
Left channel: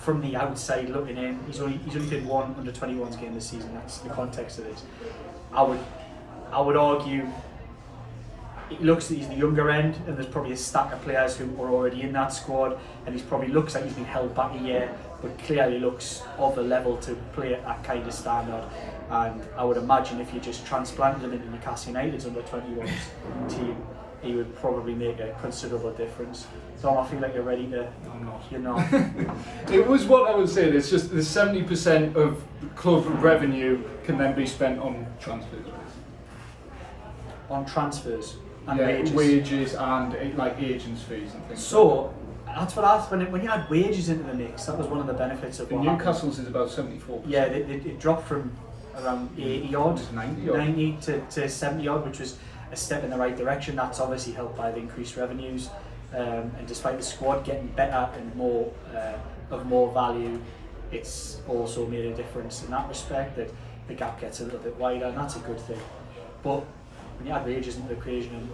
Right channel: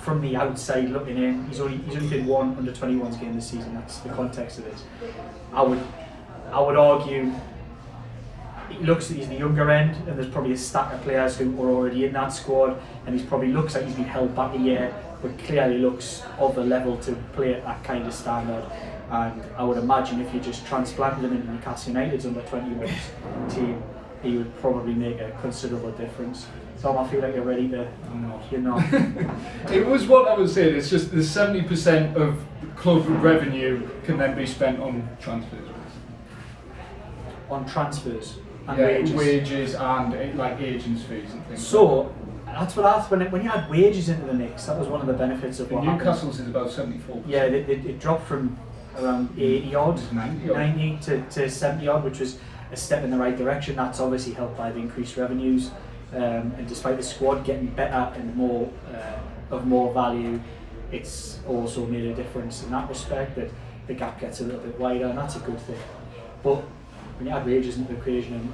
from the outside looking in, he's only did one under-21s game this season. That's the context of this. I would argue it looks that he's the younger end, and there's probably a stack of players who are already in that squad, and he probably looks like he's been held back a year, but clearly looks of the level to play at that kind of standard. And I would imagine if you just transplanted him into Newcastle United's under-21s team, he would probably make a considerable difference. So I feel like you're ready to. I'm not. You're not. It was what I was saying. It's just the 70% of club revenue can then be spent on transfers. On transfers and Yeah, wages. and like agents' fees and things. So that's what I thought when you had wages into the mix. That was one of the benefits of what happened. Newcastle's is about 74%. Yeah, it dropped from around 80 odd, 90 to 70 odd, which was a step in the right direction. That's obviously helped by the increased revenues, and despite the squad getting better and more of more value, it's also made a difference in that respect, that the gap gets a little bit wider, and that's a good thing. But when you add wages into the equation and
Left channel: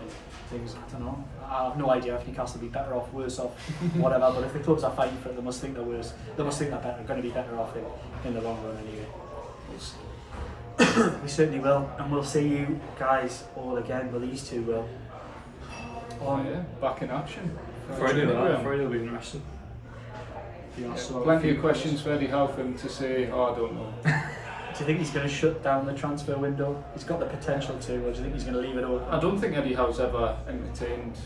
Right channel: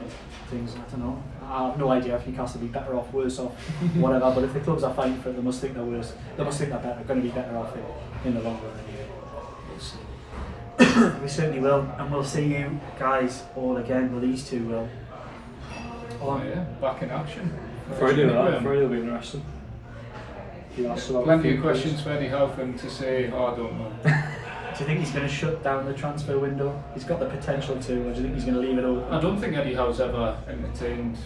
things, I don't know. I have no idea if Newcastle will be better off, worse off, whatever. But if the clubs are fighting for it, they must think they're worse. They must think they're better, going to be better off in the long run anyway. We'll see. We certainly will, and we'll see you guys all again. Well, these two will. Oh yeah, back in action. Friday will be interesting. Yeah, so Plenty of questions for Eddie Howe to say, I don't know. Do you think he's going to shut down the transfer window? He's got the potential to, or do you think he's going to leave it open? I don't think Eddie Howe's ever entertained.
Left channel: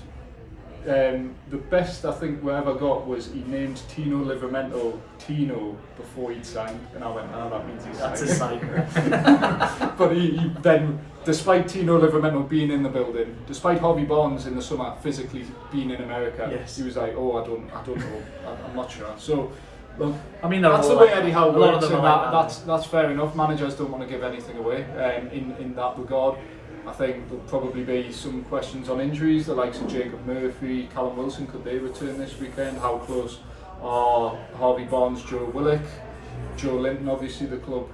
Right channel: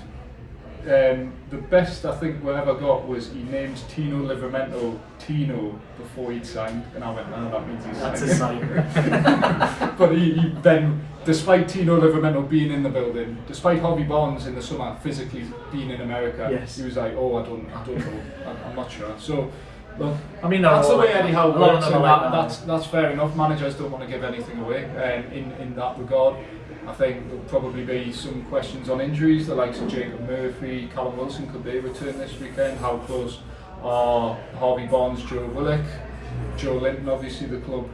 The best I think we ever got was he named Tino Livramento Tino before he'd signed, and I went, no, that means he's That's signed. a sign. But he then, despite Tino Livramento being in the building, despite Harvey Barnes in the summer physically being in America, Yes. he was like, oh, I don't know, I'm not sure. So, look, I mean, that's the way like Eddie Howe a lot of works, them and are like that. that's fair enough. Managers don't want to give anything away in that regard. I think there'll probably be some questions on injuries, the likes of Jacob Murphy, Callum Wilson, could they return this weekend? How close are Harvey Barnes, Joe Willock? Joe Linton, obviously the club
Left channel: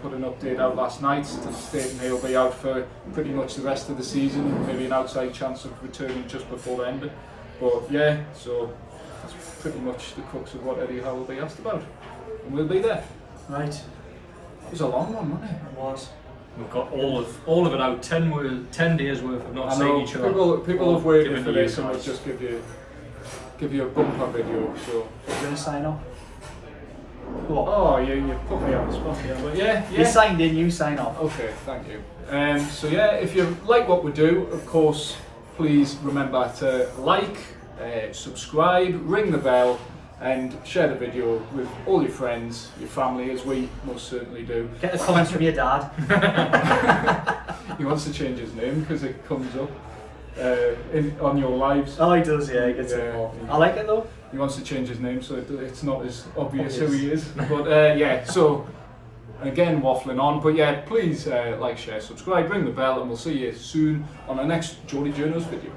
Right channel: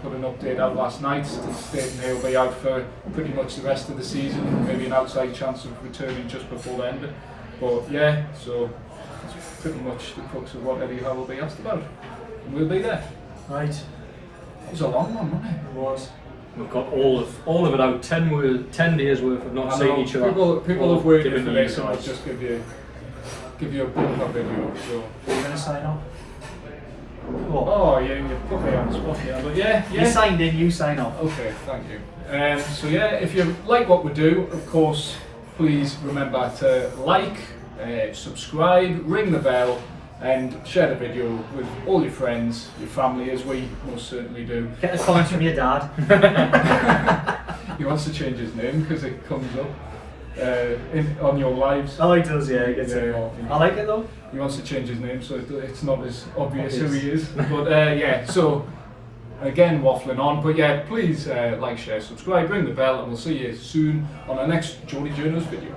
put an update out last night to state he'll be out for pretty much the rest of the season, maybe an outside chance of returning just before the end. But yeah, so that's pretty much the crux of what Eddie Howe will be asked about. And we'll be there. Right. It was a long one, wasn't it? It was. we've got all of it out. 10 days worth of not I seeing know, each other. people have waited Given for you this, and I'll guys. just give you a bumper video. So. Are you going to sign off? Go on. Oh, yeah, you put me on the spot here, but yeah. You signed in, you sign off. Okay, thank you. So yeah, if you like what we do, of course, please remember to like, subscribe, ring the bell, and share the video with all your friends, your family, as we most certainly do. Get the comments from your dad. He wants to change his name because it comes up on your lives. Oh, he does, yeah, he gets Yeah. involved. I like it though. He wants to change his name so it's not as obvious who he is. But yeah, so again, waffling on. But yeah, please like, share, subscribe, ring the bell, and we'll see you soon on our next Geordie Journos video.